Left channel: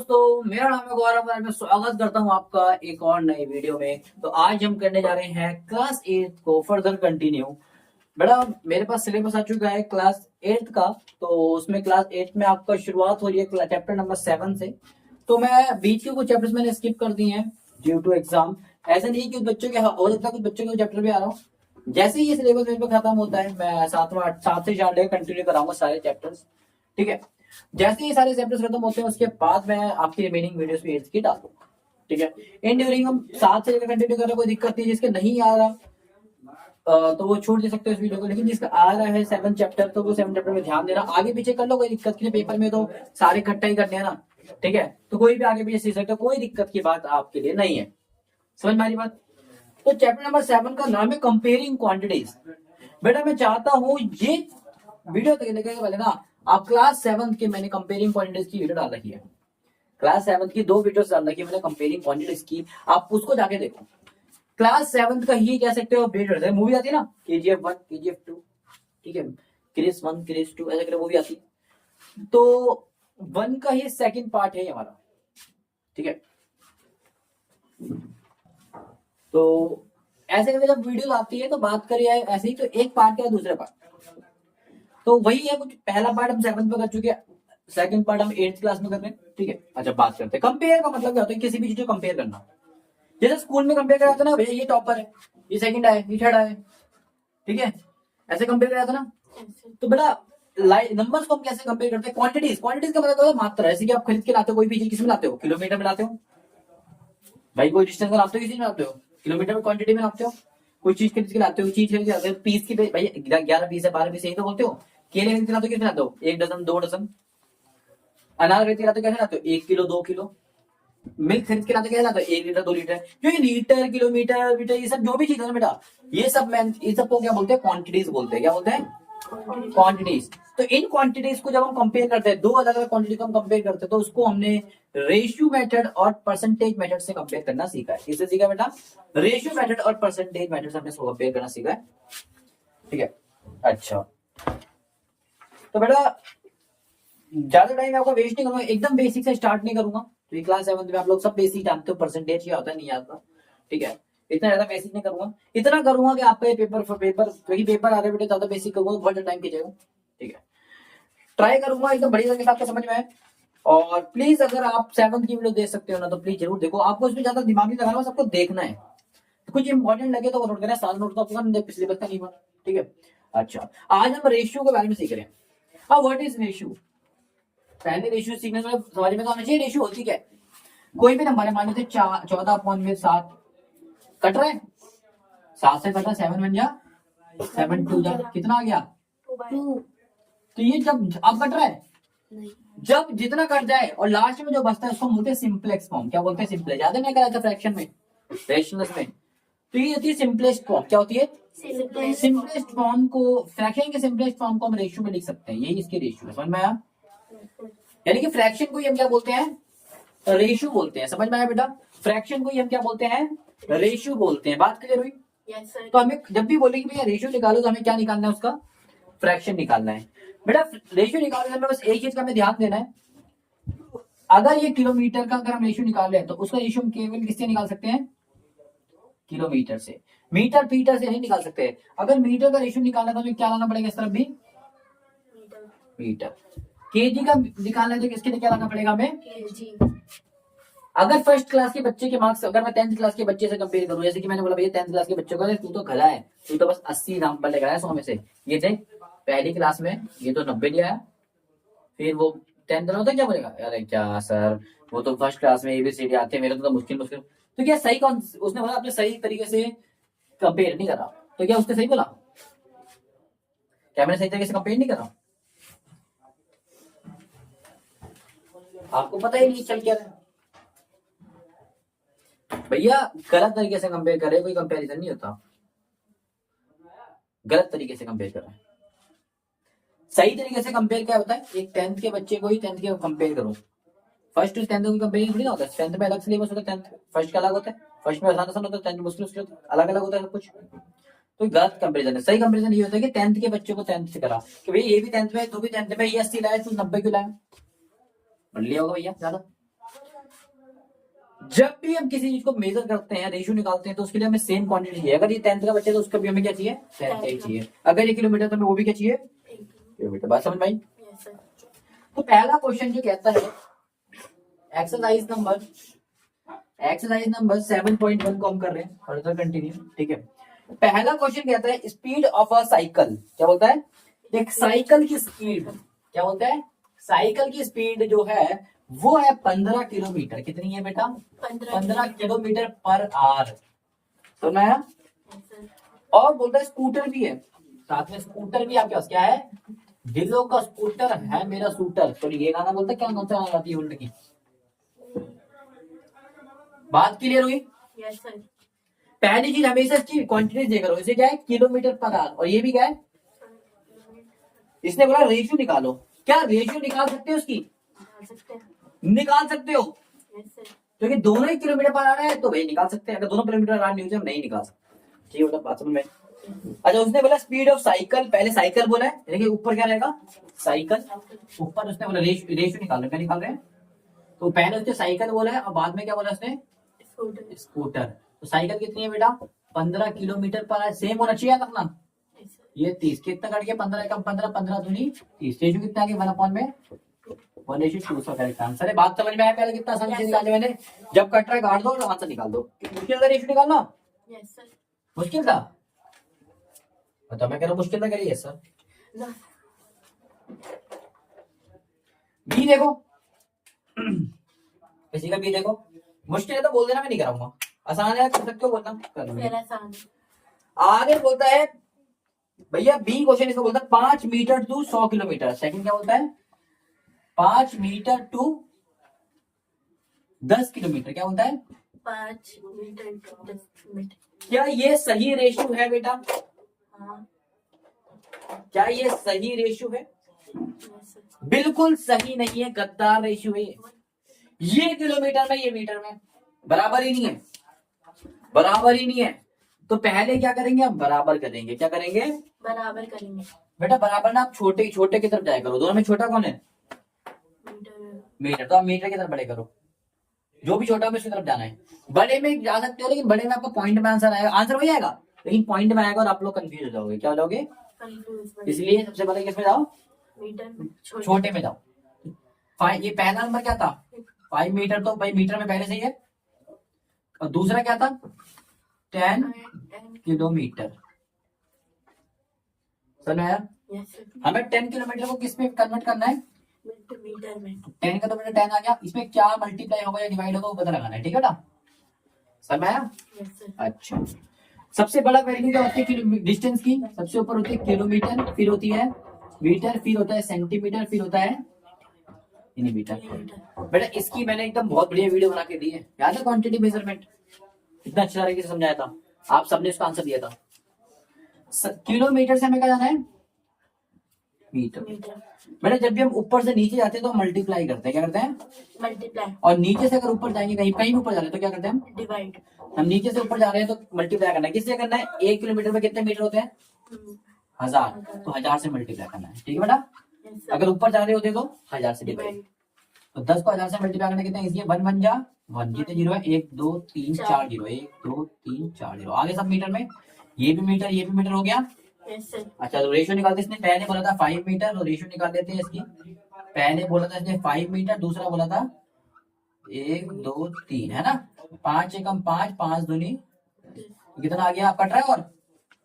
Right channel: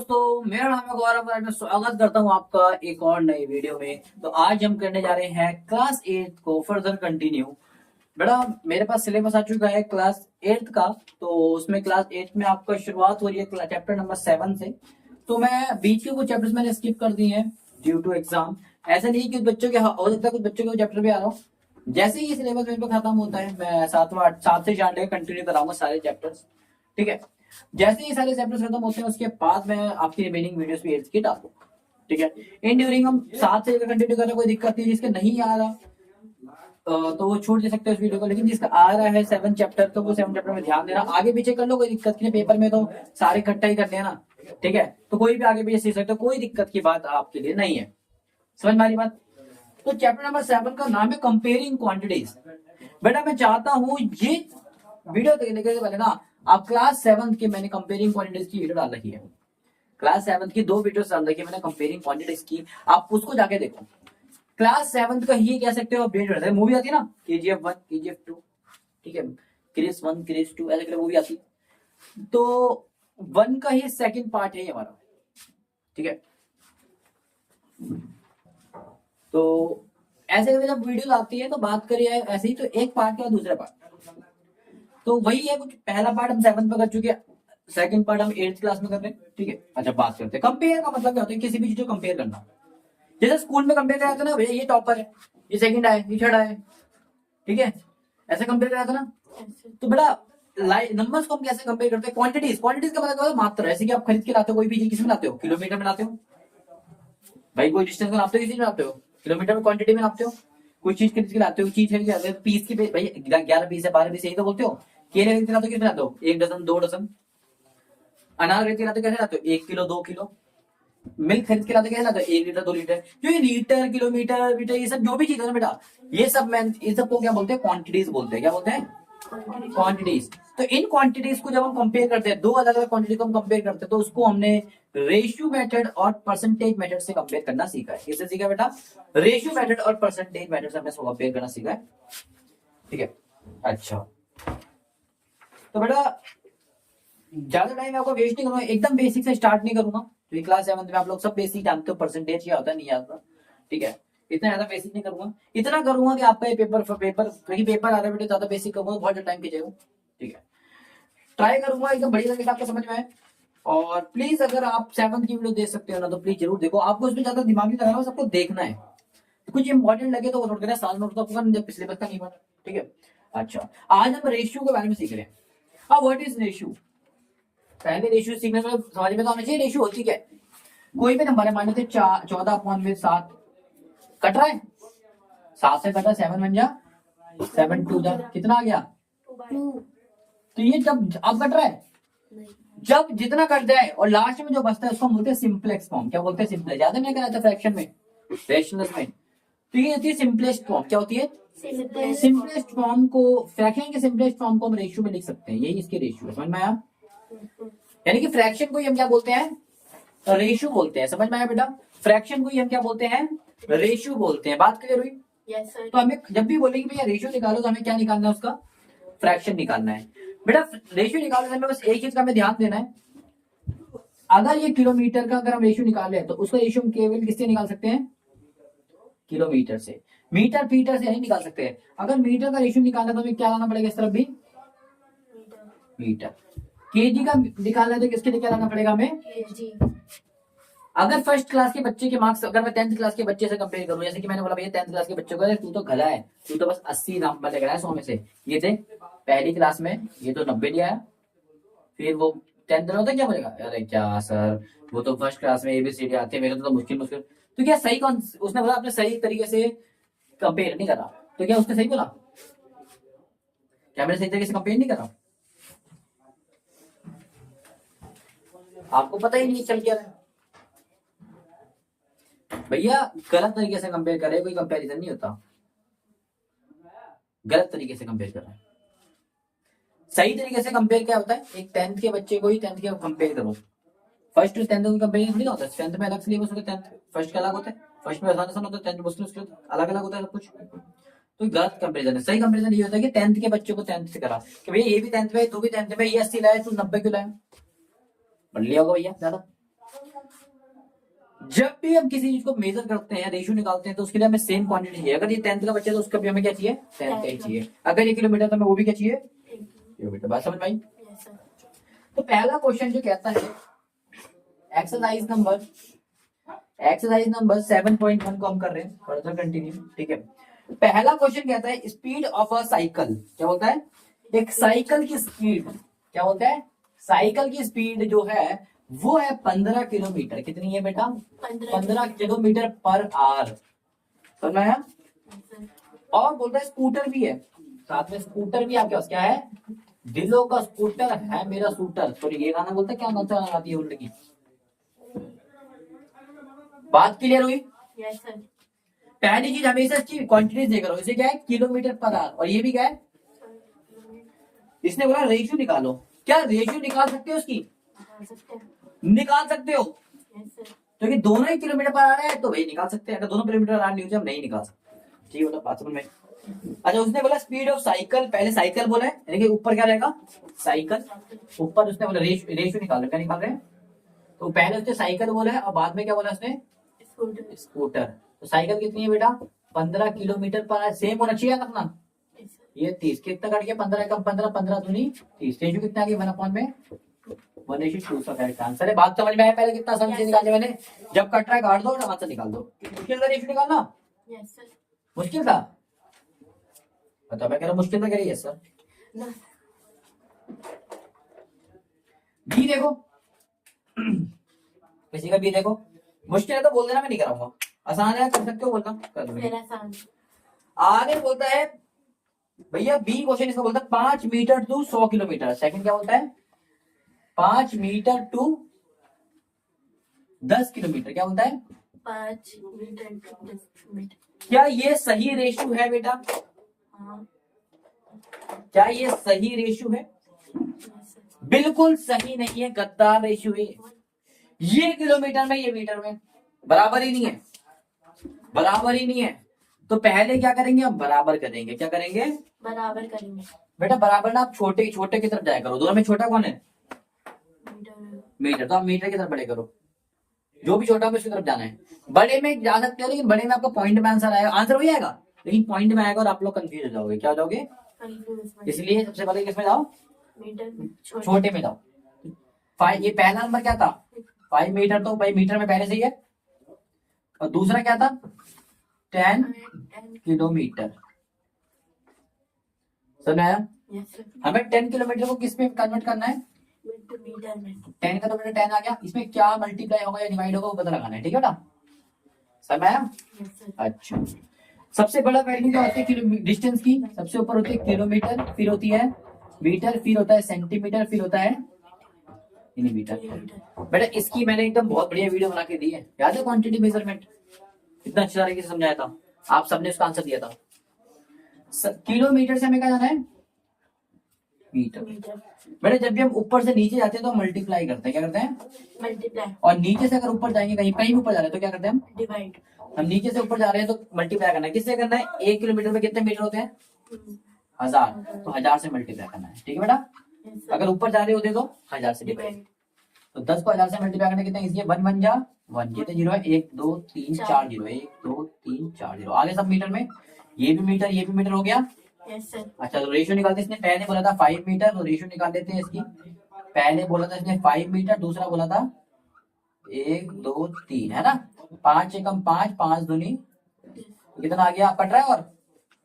दोस्तों, मेरा नाम है गौरव और मैं स्वागत करता हूं आपका एक और नए वीडियो में। तो आज हम करने जा रहे हैं क्लास 8 को फर्दर कंटिन्यू। बेटा, मेरे पास सिलेबस आ चुका है क्लास 8 का। तो उसमें क्लास 8 में आपका शुरुआत हो रही है चैप्टर नंबर 7 से। तो मैं बीच के कुछ चैप्टर्स मैंने स्किप कर दिए हैं ड्यू टू एग्जाम। ऐसा नहीं कि बच्चों के हो सकता है कुछ बच्चों के चैप्टर भी आ रहा हूँ। जैसे ही ये सिलेबस मेरे पे खत्म होता है मैं 7 से 8 कंटिन्यू कराऊंगा सारे चैप्टर्स। ठीक है। जैसे ही सारे चैप्टर्स खत्म होते हैं उसके बाद मैं आपकी रिमेनिंग वीडियोस भी एड्स की डाल दूंगा। ठीक है। इन ड्यूरिंग हम 7 से लेकर कंटिन्यू कर रहे हैं, कोई दिक्कत नहीं। जिसके नहीं आ रहा तो वो छूट दे सकते हैं इस वीडियो को, लेकिन जिसका आ रहा है 7 चैप्टर तो वो 7 चैप्टर में ध्यान देना। आगे पीछे कर लो, कोई दिक्कत नहीं। पेपर में तो सारे इकट्ठा ही करते हैं ना। ठीक है। तो कोई भी आगे पीछे सीख सकते हो, कोई दिक्कत की बात आपके लिए नहीं है। समझ में आ रही बात? तो चैप्टर नंबर 7 का नाम है कंपेयरिंग क्वांटिटीज। बेटा, मैं चाहता हूं ये वीडियो देखने के पहले ना आप क्लास 7 के मैंने कंपेयरिंग क्वांटिटीज की वीडियो डाल रखी है। क्लास 7 की 2 वीडियोस डाल रखी है मैंने कंपेयरिंग क्वांटिटीज की। आप उसको जाके देखो। क्लास 7 का ही कह सकते हो बेस है। मूवी आती है ना KGF 1 KGF 2। ठीक है। क्रिस 1 क्रिस 2 ऐसे करके मूवी आती है। तो 1 का ही सेकंड पार्ट है हमारा। ठीक है। तो ऐसे करके जब वीडियो आती है तो बात करिए ऐसे ही, तो एक पार्ट का दूसरा पार्ट तो वही है। कुछ पहला पार्ट हम 7 पे कर चुके हैं, सेकंड पार्ट हम 8th क्लास में कर रहे हैं। ठीक है। अच्छा, बात करते हैं कंपेयर का मतलब क्या होता है। किसी भी चीज को कंपेयर करना। जैसे स्कूल में कंपेयर करा था ना, भैया ये टॉपर है, ये सेकंड आए, ये थर्ड आए। ठीक है। ऐसे कंपेयर करा था ना। तो बेटा नंबर्स को हम कैसे कंपेयर करते हैं? क्वांटिटीज। क्वांटिटीज का मतलब मात्रा। ऐसे कि आप खरीद के लाते हो कोई भी चीज, किसमें लाते हो? किलोमीटर में लाते हो भाई। कोई डिस्टेंस में लाते हो, किसी में लाते हो? किलोमीटर में क्वांटिटी में लाते हो। कोई चीज खरीद के लाते हो, चीज खरीद के लाते हो पीस की भाई 11 पीस है 12 पीस यही तो बोलते हो। केले खरीद के लाते हो, कितने लाते हो? 1 डजन 2 डजन। अनार खरीद के लाते हो, कैसे लाते हो? 1 किलो 2 किलो। मिल्क खरीद के लाते हो, कैसे लाते हो? 1 लीटर 2 लीटर। जो ये लीटर किलोमीटर मीटर ये सब जो भी चीज है ना बेटा, ये सब इन सबको क्या बोलते हैं? क्वांटिटीज बोलते हैं। क्या बोलते हैं? क्वांटिटीज। तो इन क्वांटिटीज को जब हम कंपेयर करते हैं, दो अलग अलग क्वांटिटी को हम कंपेयर करते हैं, तो उसको हमने रेशियो मेथड और परसेंटेज मेथड से कंपेयर करना सीखा है। किससे सीखा बेटा? रेशियो मेथड और परसेंटेज मेथड से हमने कंपेयर करना सीखा है। ठीक है। अच्छा, तो बेटा ज्यादा टाइम आपको वेस्ट नहीं करूंगा, एकदम बेसिक से स्टार्ट नहीं करूंगा। तो ये क्लास 7 में आप लोग सब बेसिक जानते हो, परसेंटेज क्या होता है नहीं आता। ठीक है। इतना ज्यादा बेसिक नहीं करूंगा, इतना करूंगा कि आपका ये पेपर आ रहा है बेटा, ज्यादा बेसिक करूंगा बहुत टाइम खींचेगा। ठीक है। ट्राई करूंगा एकदम बढ़िया तरीके से आपको समझ में आए। और प्लीज अगर आप 7 की वीडियो देख सकते हो ना तो प्लीज जरूर देखो। आपको इसमें ज्यादा दिमाग नहीं लगाना, सबको देखना है। कुछ इंपॉर्टेंट लगे तो वो नोट करना, सारा नोट तो आपको पिछले बस का नहीं बना। ठीक है। अच्छा, आज हम रेशियो के बारे में सीख रहे हैं। अब व्हाट इज रेशियो? पहले रेशियो सीखने में समझ में तो आना चाहिए रेशियो होती क्या है। कोई भी नंबर है, मान लेते 14/7 कट रहा है। 7 से कटा 7 बन जा, 7 2 जा, कितना आ गया? तो ये जब अब कट रहा है, जब जितना कट जाए और लास्ट में जो बचता है उसको हम बोलते हैं सिंपलेक्स फॉर्म। क्या बोलते हैं? सिंपलेक्स। ज्यादा नहीं कराया था फ्रैक्शन में, फ्रैक्शनल्स में। तो ये होती है सिंपलेस्ट फॉर्म। क्या होती है? सिंपलेस्ट फॉर्म को, फ्रैक्शन के सिंपलेस्ट फॉर्म को हम रेशियो में लिख सकते हैं। यही इसके रेशियो। समझ में आया? यानी कि फ्रैक्शन को हम क्या बोलते हैं? रेशियो बोलते हैं। समझ में आया बेटा? फ्रैक्शन को हम क्या बोलते हैं? रेशियो बोलते हैं। बात क्लियर हुई? तो हमें जब भी बोलेंगे भैया रेशियो निकालो तो हमें क्या निकालना है? उसका फ्रैक्शन निकालना है। बेटा रेशियो निकालने में बस एक चीज का हमें ध्यान देना है। अगर ये किलोमीटर का अगर हम रेशियो निकाल रहे हैं तो उसका रेशियो हम केवल किससे निकाल सकते हैं? किलोमीटर से। मीटर फीटर से नहीं निकाल सकते। अगर मीटर का रेशियो निकालना तो हमें क्या लाना पड़ेगा? इस तरफ भी मीटर। केजी का निकालना है तो किसके लिए क्या लाना पड़ेगा हमें? अगर फर्स्ट क्लास के बच्चे के मार्क्स अगर मैं 10th क्लास के बच्चे से कंपेयर करूं, जैसे कि मैंने बोला भैया 10th क्लास के बच्चों का तू तो गधा है, तू तो बस 80 नंबर लेकर आया 100 में से। ये थे पहली क्लास में, ये तो 90 ले आया। फिर वो 10th में होता क्या बोलेगा? अरे क्या सर, वो तो फर्स्ट क्लास में ABCD आते हैं, मेरे तो मुश्किल मुश्किल। तो क्या सही कौन उसने बोला? आपने सही तरीके से कंपेयर नहीं करा। तो क्या उसने सही बोला? क्या मैंने सही तरीके से कंपेयर नहीं करा? आपको पता ही नहीं चल क्या रहा भैया। गलत तरीके से कंपेयर करे, कोई कंपैरिजन नहीं होता। गलत तरीके से कंपेयर कर रहे हैं। सही तरीके से कंपेयर क्या होता है? एक 10th के बच्चे को ही 10th के कंपेयर करो। फर्स्ट टू 10th को कंपेयर थोड़ी होता है। 10th में अलग सिलेबस होता है, 10th फर्स्ट का अलग होता है। फर्स्ट में आसान होता है, 10th मुश्किल मुश्किल अलग अलग होता है सब कुछ। तो गलत कंपेरिजन है। सही कंपेरिजन ये होता है कि 10th के बच्चे को 10th से करा कि भाई ये भी 10th में, तू भी 10th में, ये 80 लाया, तू 90 क्यों लाया? बढ़ लिया होगा भैया ज्यादा। जब भी हम किसी चीज को मेजर करते हैं, रेशियो निकालते हैं, तो उसके लिए हमें सेम क्वांटिटी चाहिए। अगर ये 10th का बच्चा है तो उसका भी हमें क्या चाहिए, 10 का ही चाहिए। अगर ये किलोमीटर तो हमें वो भी क्या चाहिए, किलोमीटर। बात समझ में आई? तो पहला क्वेश्चन जो कहता है एक्सरसाइज नंबर 7.1 को हम कर रहे हैं, फर्दर कंटिन्यू। ठीक है, पहला क्वेश्चन कहता है स्पीड ऑफ अ साइकिल। क्या बोलता है, एक साइकिल की स्पीड, क्या बोलता है, साइकिल की स्पीड जो है वो है 15 किलोमीटर। कितनी है बेटा, 15 किलोमीटर पर आवर। सुना है? और बोलता है स्कूटर भी है साथ में, स्कूटर भी आपके पास क्या है, दिलों का स्कूटर है मेरा शूटर। तो ये गाना बोलता है, क्या नोचा आती है उनकी। बात क्लियर हुई? Yes sir. पहली चीज हमेशा इसकी क्वांटिटी देखा इसे क्या है, किलोमीटर पर आवर, और ये भी क्या है, इसने बोला रेशियो निकालो। क्या रेशियो निकाल सकते हो उसकी, निकाल सकते हो, क्योंकि दोनों ही किलोमीटर पर आ रहे हैं तो भाई निकाल सकते हैं। अगर दोनों किलोमीटर आ नहीं होते हम नहीं निकाल सकते। ठीक है, मतलब बात समझ में। अच्छा, उसने बोला स्पीड ऑफ साइकिल, पहले साइकिल बोला है, यानी कि ऊपर क्या रहेगा, साइकिल, ऊपर उसने बोला रेशियो निकाल रहे, क्या निकाल रहे हैं, तो पहले उसने साइकिल बोला है और बाद में क्या बोला उसने, स्कूटर। तो साइकिल कितनी है बेटा, 15 किलोमीटर पर, सेम होना चाहिए रखना। ये 30 कितना कट गया, 15 कम 15, 15 दूनी 30, रेशियो कितना आ गया 1 में 1:2 का करेक्ट आंसर है। बात समझ में आया? पहले कितना समझ से निकाली मैंने, जब कट रहा है काट दो और आंसर निकाल दो। मुश्किल था रेशियो निकालना? Yes sir. मुश्किल था? बताओ, मैं कह रहा हूँ मुश्किल था, करिए सर। बी देखो, किसी का बी देखो, मुश्किल है तो बोल देना, मैं नहीं कराऊंगा। आसान है कर सकते हो, बोलना कर लो। आगे बोलता है भैया बी क्वेश्चन, इसको बोलता है 5 मीटर टू 100 किलोमीटर। सेकंड क्या बोलता है, 5 मीटर टू 10 किलोमीटर। क्या बोलता है, 5 मीटर टू 10 किलोमीटर। क्या ये सही रेशियो है बेटा? हाँ। क्या ये सही रेशियो है? बिल्कुल सही नहीं है, गद्दार रेशियो है। ये किलोमीटर में ये मीटर में बराबर ही नहीं है, बराबर ही नहीं है। तो पहले क्या करेंगे, हम बराबर करेंगे। क्या करेंगे, बराबर करेंगे बेटा। बराबर ना आप छोटे छोटे की तरफ जाया करो, दोनों में छोटा कौन है, मीटर। तो आप मीटर की तरफ बड़े करो, जो भी छोटा है उसकी तरफ जाना है। बड़े में जा सकते हैं, लेकिन बड़े में आपको पॉइंट में आंसर आएगा, आंसर वही आएगा, लेकिन पॉइंट में आएगा और आप लोग कंफ्यूज हो जाओगे। क्या हो जाओगे, इसलिए सबसे पहले किसमें जाओ, मीटर, छोटे में जाओ। ये पहला नंबर क्या था, 5 मीटर, तो भाई मीटर में पहले से ही है। और दूसरा क्या था, 10 किलोमीटर। सुना है? हमें 10 किलोमीटर को किस में कन्वर्ट करना है, मीटर में। 10 किलोमीटर 10 आ गया, इसमें क्या मल्टीप्लाई होगा या डिवाइड होगा वो पता लगाना है। ठीक है बेटा, समझ में आया? अच्छा, सबसे बड़ा वैल्यू जो होती है डिस्टेंस की, सबसे ऊपर होती है किलोमीटर, फिर होती है मीटर, फिर होता है सेंटीमीटर, फिर होता है मीटर। बेटा इसकी मैंने एकदम बहुत बढ़िया वीडियो बना के दी है, याद है, क्वांटिटी मेजरमेंट, इतना अच्छा तरीके से समझाया था, आप सबने इसका आंसर दिया था। किलोमीटर से हमें क्या जाना है, मीटर। बेटा जब भी हम ऊपर से नीचे जाते हैं तो मल्टीप्लाई करते हैं। क्या करते हैं, मल्टीप्लाई। और नीचे से अगर ऊपर जाएंगे, कहीं कहीं ऊपर जा रहे हैं तो क्या करते हैं हम, डिवाइड। हम नीचे से ऊपर जा रहे हैं तो मल्टीप्लाई करना है। किससे करना है, 1 किलोमीटर में कितने मीटर होते हैं, 1000, तो 1000 से मल्टीप्लाई करना है। ठीक है बेटा, अगर ऊपर जा रहे होते तो 1000 से डिवाइड। तो 10 को 1000 से मल्टीप्लाई करना कितना इजी है, 1 1 जा 1, जितने जीरो है 1 2 3 4 जीरो, 1 2 3 4 जीरो, आगे सब मीटर में, ये भी मीटर ये भी मीटर हो गया। अच्छा, तो रेशियो निकालते, इसने पहले बोला था 5 मीटर, तो रेशियो निकाल लेते हैं इसकी। पहले बोला था इसने 5 मीटर, दूसरा बोला था 1 2 3, है ना, 5 एकम 5, 5 दूनी, कितना आ गया, कट रहा है, और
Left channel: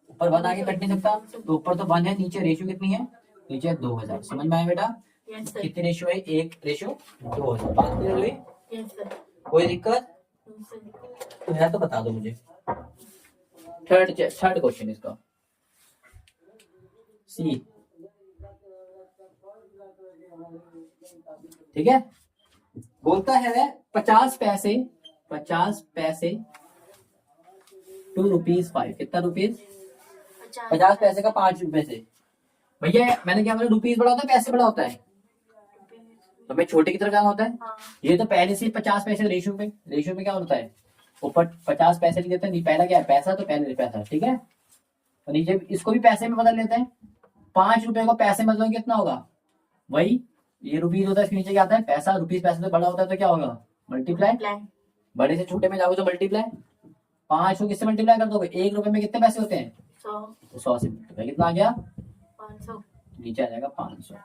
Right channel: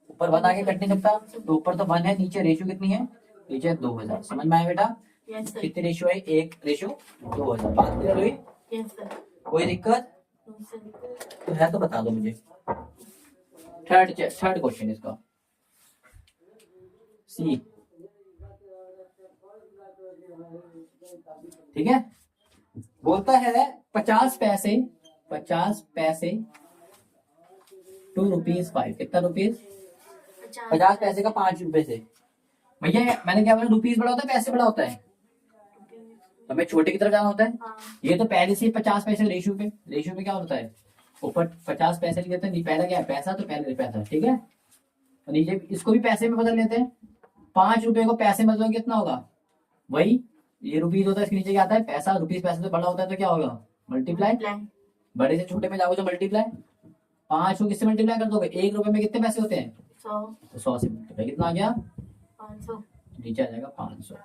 ऊपर 1 आगे कट नहीं सकता, तो ऊपर तो 1 है, नीचे रेशियो कितनी है, नीचे 2000। समझ में आया बेटा, कितने रेशियो है, 1 रेशियो 2000। बात क्लियर हुई? कोई दिक्कत तो है तो बता दो मुझे। थर्ड क्वेश्चन इसका सी, ठीक है, बोलता है 50 पैसे 2 रुपीज 5, कितना रुपीज, 50 पैसे का 5 रुपए से। भैया मैंने क्या बोला, रुपीज बड़ा होता है पैसे बड़ा होता है, हमें छोटे की तरफ जाना होता है। ये तो पहले से 50 पैसे रेशियो में क्या होता है, ऊपर 50 पैसे लिख देते हैं, पहला क्या है पैसा, तो पहले पैसा, ठीक है, तो नीचे इसको भी पैसे में बदल लेते हैं। 5 रुपए को पैसे में बदलोगे कितना होगा, वही ये रुपीज होता है, इसके नीचे क्या आता है पैसा, रुपीज पैसे तो बड़ा होता है, तो क्या होगा मल्टीप्लाई। बड़े से छोटे में जाओगे तो मल्टीप्लाई, 5 को किससे मल्टीप्लाई कर दोगे, 1 रुपए में कितने पैसे होते हैं, 100, तो 100 से मल्टीप्लाई कितना आ गया, 500, नीचे आ जाएगा 500।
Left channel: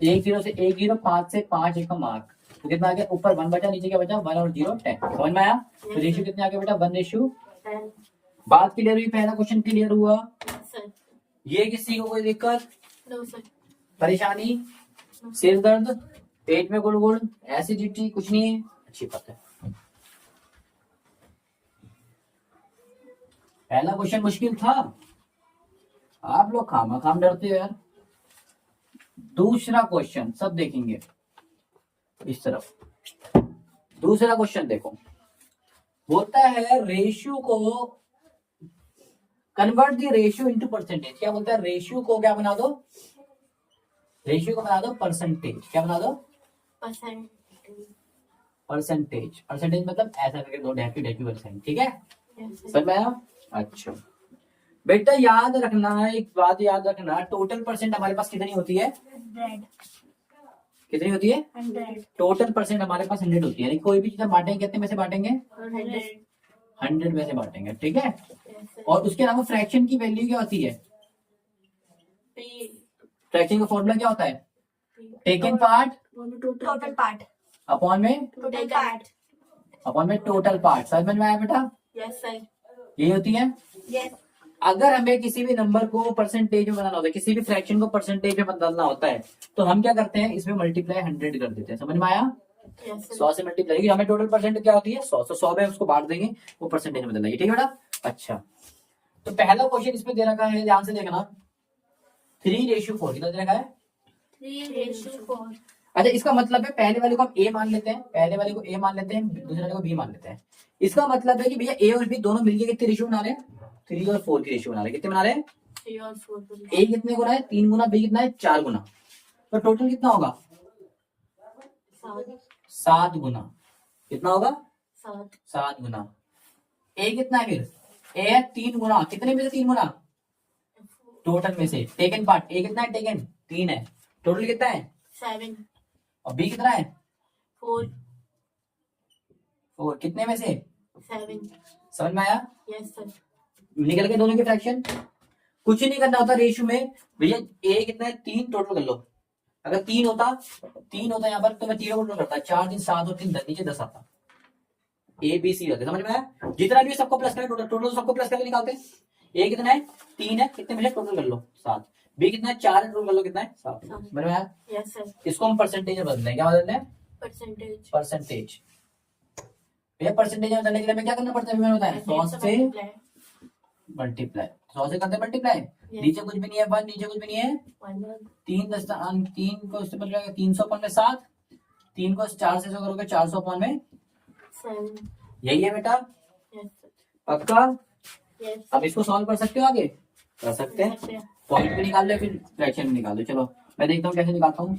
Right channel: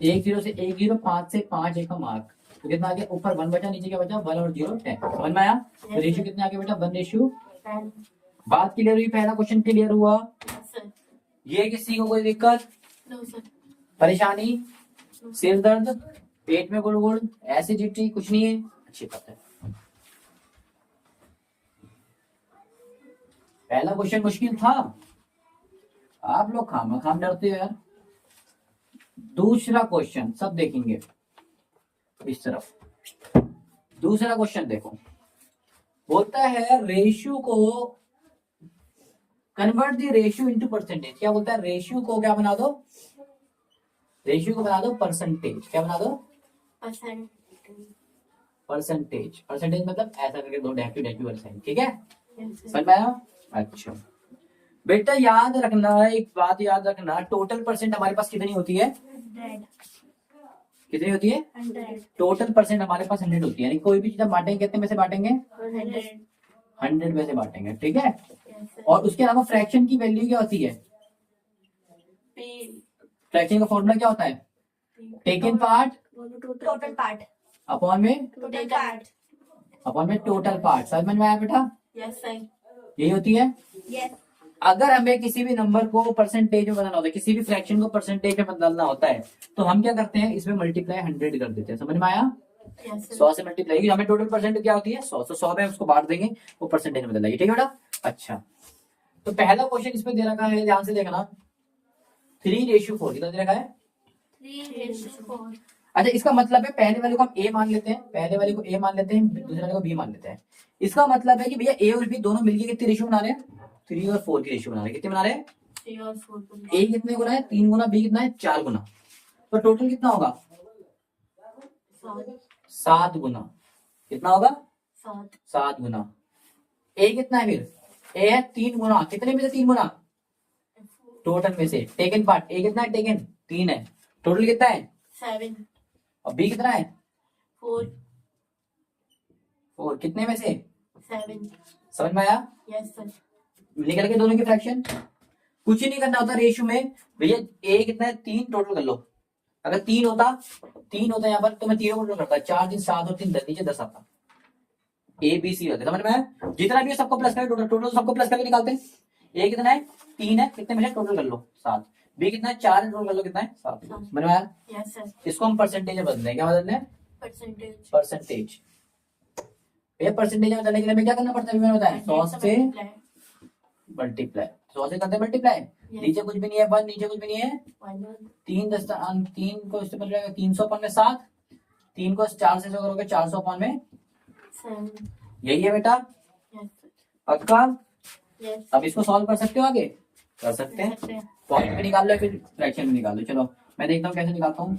1 0 से 1 0, 5 से 5 1 का मार्क, तो कितना आ गया, ऊपर 1 बचा, नीचे क्या बचा, 1 और 0 10। समझ में आया, तो रेशियो कितने आ गए बेटा, 1:10। बात क्लियर हुई, पहला क्वेश्चन क्लियर हुआ। Yes, sir. ये किसी को कोई दिक्कत, No, sir. परेशानी, सिर दर्द, पेट में गुड़गुड़, एसिडिटी, कुछ नहीं है, अच्छी बात है। पहला क्वेश्चन मुश्किल था, आप लोग खाम डरते हो यार। दूसरा क्वेश्चन सब देखेंगे इस तरफ। दूसरा क्वेश्चन देखो, बोलता है रेशियो को convert the ratio into percentage. क्या बोलता है, रेशियो को क्या बना दो, रेशियो को बना दो परसेंटेज। क्या बना दो, Percent. परसेंटेज। परसेंटेज मतलब ऐसा करके दो, डेसिमल, ठीक है, Yes, sir. समझ में आया। अच्छा बेटा याद रखना, एक बात याद रखना, टोटल परसेंट हमारे पास कितनी होती है, 100. कितनी होती है, 100. टोटल परसेंट हमारे पास 100 होती है। यानी कोई भी चीज हम बांटेंगे कितने में से बांटेंगे, 100. 100 में से बांटेंगे, ठीक है। Yes, sir. और उसके अलावा फ्रैक्शन की वैल्यू क्या होती है, P. फ्रैक्शन का फॉर्मूला क्या होता है, taken part Total part. Upon में, Total part. अपॉन में टोटल पार्ट। समझ में आया बेटा, Yes, sir. यही होती है। Yes. अगर हमें किसी भी नंबर को परसेंटेज में बनाना होता है, किसी भी फ्रैक्शन को परसेंटेज में बदलना होता है, तो हम क्या करते हैं, इसमें मल्टीप्लाई 100 कर देते हैं। समझ में आया, Yes, sir. 100 से मल्टीप्लाई, हमें टोटल परसेंट क्या होती है 100, तो 100 में उसको बांट देंगे, वो परसेंटेज में बदल जाएगी, ठीक है बेटा। अच्छा तो पहला क्वेश्चन इसमें दे रखा है, ध्यान से देखना, 3:4 कितना दे रखा है। 3:4. अच्छा इसका मतलब है पहले वाले को हम ए मान लेते हैं, पहले वाले को ए मान लेते हैं, दूसरे वाले को बी मान लेते हैं। इसका मतलब है कि भैया ए और बी दोनों मिलके कितने रेशियो बना रहे हैं, 3 और 4 की रेशियो बना रहे हैं। कितने बना रहे हैं, 3 और 4. ए कितने गुना है, 3 गुना, बी कितना है 4 गुना, तो टोटल कितना होगा 7. 7 गुना। कितना होगा 7. 7 गुना। ए कितना है फिर, ए है 3 गुना, कितने में से 3 गुना, टोटल में से, टेकन पार्ट, ए कितना है, टेकन 3 है, टोटल कितना है 7. और बी कितना है 4. 4, कितने में से 7. समझ में आया। Yes, sir. निकल के दोनों के फ्रैक्शन, कुछ ही नहीं करना होता रेशियो में भैया। ए कितना है 3, टोटल कर लो, अगर 3 होता यहाँ पर तो मैं 3 को टोटल करता, 4 3 7 और 3 10, नीचे 10 आता, ए बी सी रहते। समझ में आया, जितना भी है सबको प्लस करें, टोटल सबको प्लस करके निकालते हैं। ए कितना है 3 है, कितने में से टोटल कर लो 7, बी कितना है 4 है, टोटल कर लो कितना है 7। समझ में आया, Yes, sir. इसको हम परसेंटेज में बदलना है। क्या बदलना है, Percentage. परसेंटेज। भैया परसेंटेज में बदलने के लिए हमें क्या करना पड़ता है, मैंने बताया 100 से multiply. मल्टीप्लाई, 100 से करते हैं मल्टीप्लाई, Yes. नीचे कुछ भी नहीं है 1, नीचे कुछ भी नहीं है 1. 3 को इससे बदल जाएगा 300 अपन में 7, 3 को 4 से 100 करोगे 400 अपन में, 7. यही है बेटा Yes, sir. पक्का। Yes. अब इसको सॉल्व कर सकते हो, आगे कर सकते हैं, सकते हैं. पॉइंट भी निकाल लो फिर फ्रैक्शन भी निकाल लो। चलो मैं देखता हूँ कैसे निकालता हूँ,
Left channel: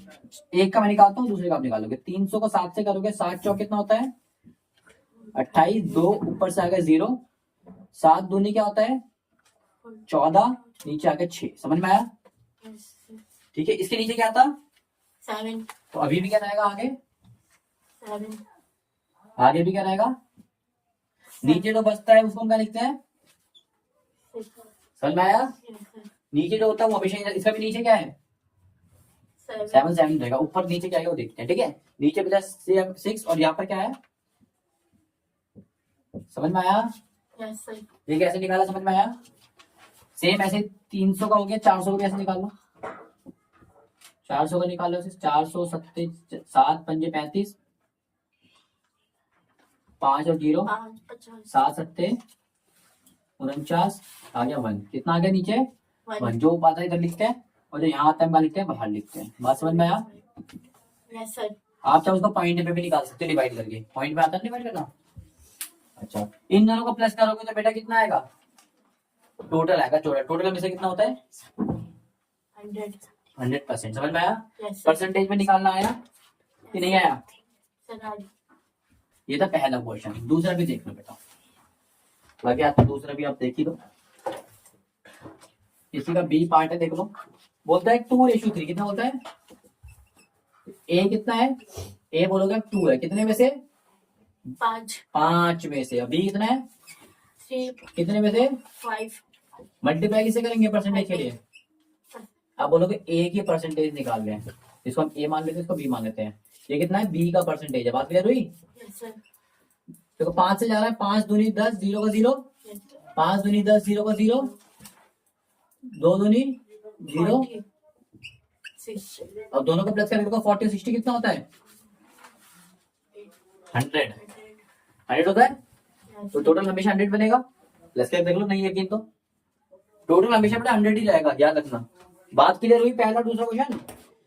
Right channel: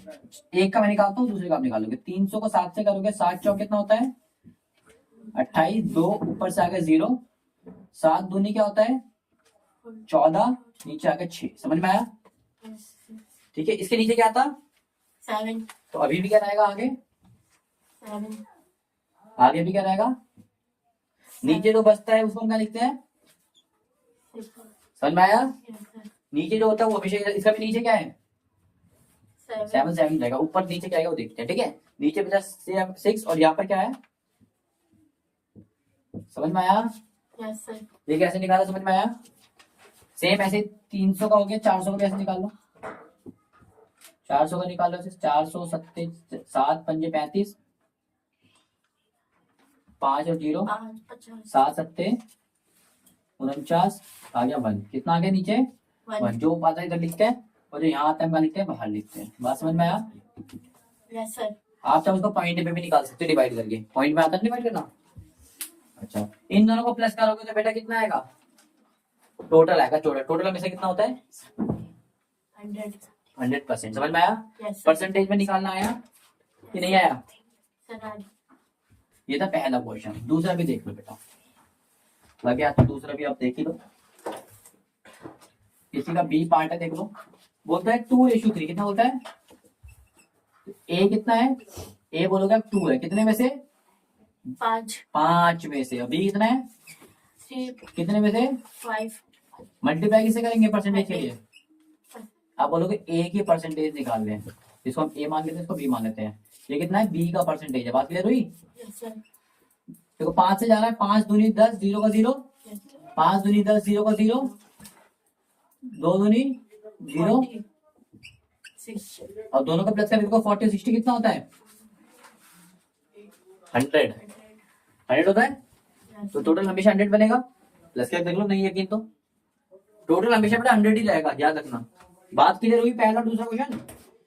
एक का मैं निकालता हूँ, दूसरे का आप निकालोगे। 300 को 7 से करोगे, 7 चौक कितना होता है 28, 2 ऊपर से आ गए 0, 7 दूनी क्या होता है 14, नीचे आ गए 6। समझ में आया, Yes, sir. ठीक है। इसके नीचे क्या था, 7. तो अभी भी क्या रहेगा आगे, 7. आगे भी क्या रहेगा, नीचे जो बचता है उसको हम क्या लिखते हैं, 6. समझ में आया। Yes, sir. नीचे जो होता है वो हमेशा, इसका भी नीचे क्या है 7. 7 रहेगा, ऊपर नीचे क्या है वो देखते हैं, ठीक है। नीचे बचा 6 और यहाँ पर क्या है, समझ में आया। Yes, sir. ये कैसे निकाला, समझ में आया। सेम ऐसे 300 का हो गया, 400 को कैसे निकालो, 400 का निकालो, 400 7 7 5 35, 5 और 0 5. 50. 7 7 49, आ गया 1, कितना आ गया नीचे 1, 1. जो आता है इधर लिखते हैं और जो यहाँ आता है हम लिखते हैं बाहर लिखते हैं। बात समझ में आया। Yes, sir. आप चाहे उसको पॉइंट पे भी निकाल सकते हो, डिवाइड करके, पॉइंट में आता है डिवाइड करना। अच्छा इन दोनों को प्लस करोगे तो बेटा कितना आएगा, टोटल आएगा, टोटल में से कितना होता है 100. 100%। समझ में आया। Yes, sir. परसेंटेज में निकालना आया कि नहीं आया, Sir, I- ये था पहला क्वेश्चन। दूसरा भी देख लो बेटा, लगे आपको दूसरा भी आप देख ही लो, इसी का बी पार्ट है, देख लो। बोलता है 2:3, कितना बोलता है, ए कितना है, ए बोलोगे 2 है, कितने में से पाँच 5 में से अभी कितना है, 3 कितने में से 5 मल्टीप्लाई किसे करेंगे परसेंटेज के लिए। आप बोलोगे ए की परसेंटेज निकाल लें, इसको हम ए मान लेते हैं, इसको बी मान लेते हैं। ये कितना है, बी का परसेंटेज है। बात क्लियर हुई। यस सर देखो 5 से जा रहा है, 5 दूनी 10, 0 का 0, यस सर 5 दूनी 10, 0 का 0, 2 दूनी 0, 46 और दोनों का प्लस करेंगे तो 40 60 कितना होता है, 100 100 होता है। तो टोटल हमेशा 100 बनेगा। प्लस करके देख लो, नहीं यकीन तो टोटल हमेशा बेटा 100 ही रहेगा, याद रखना। बात क्लियर हुई। पहला दूसरा क्वेश्चन,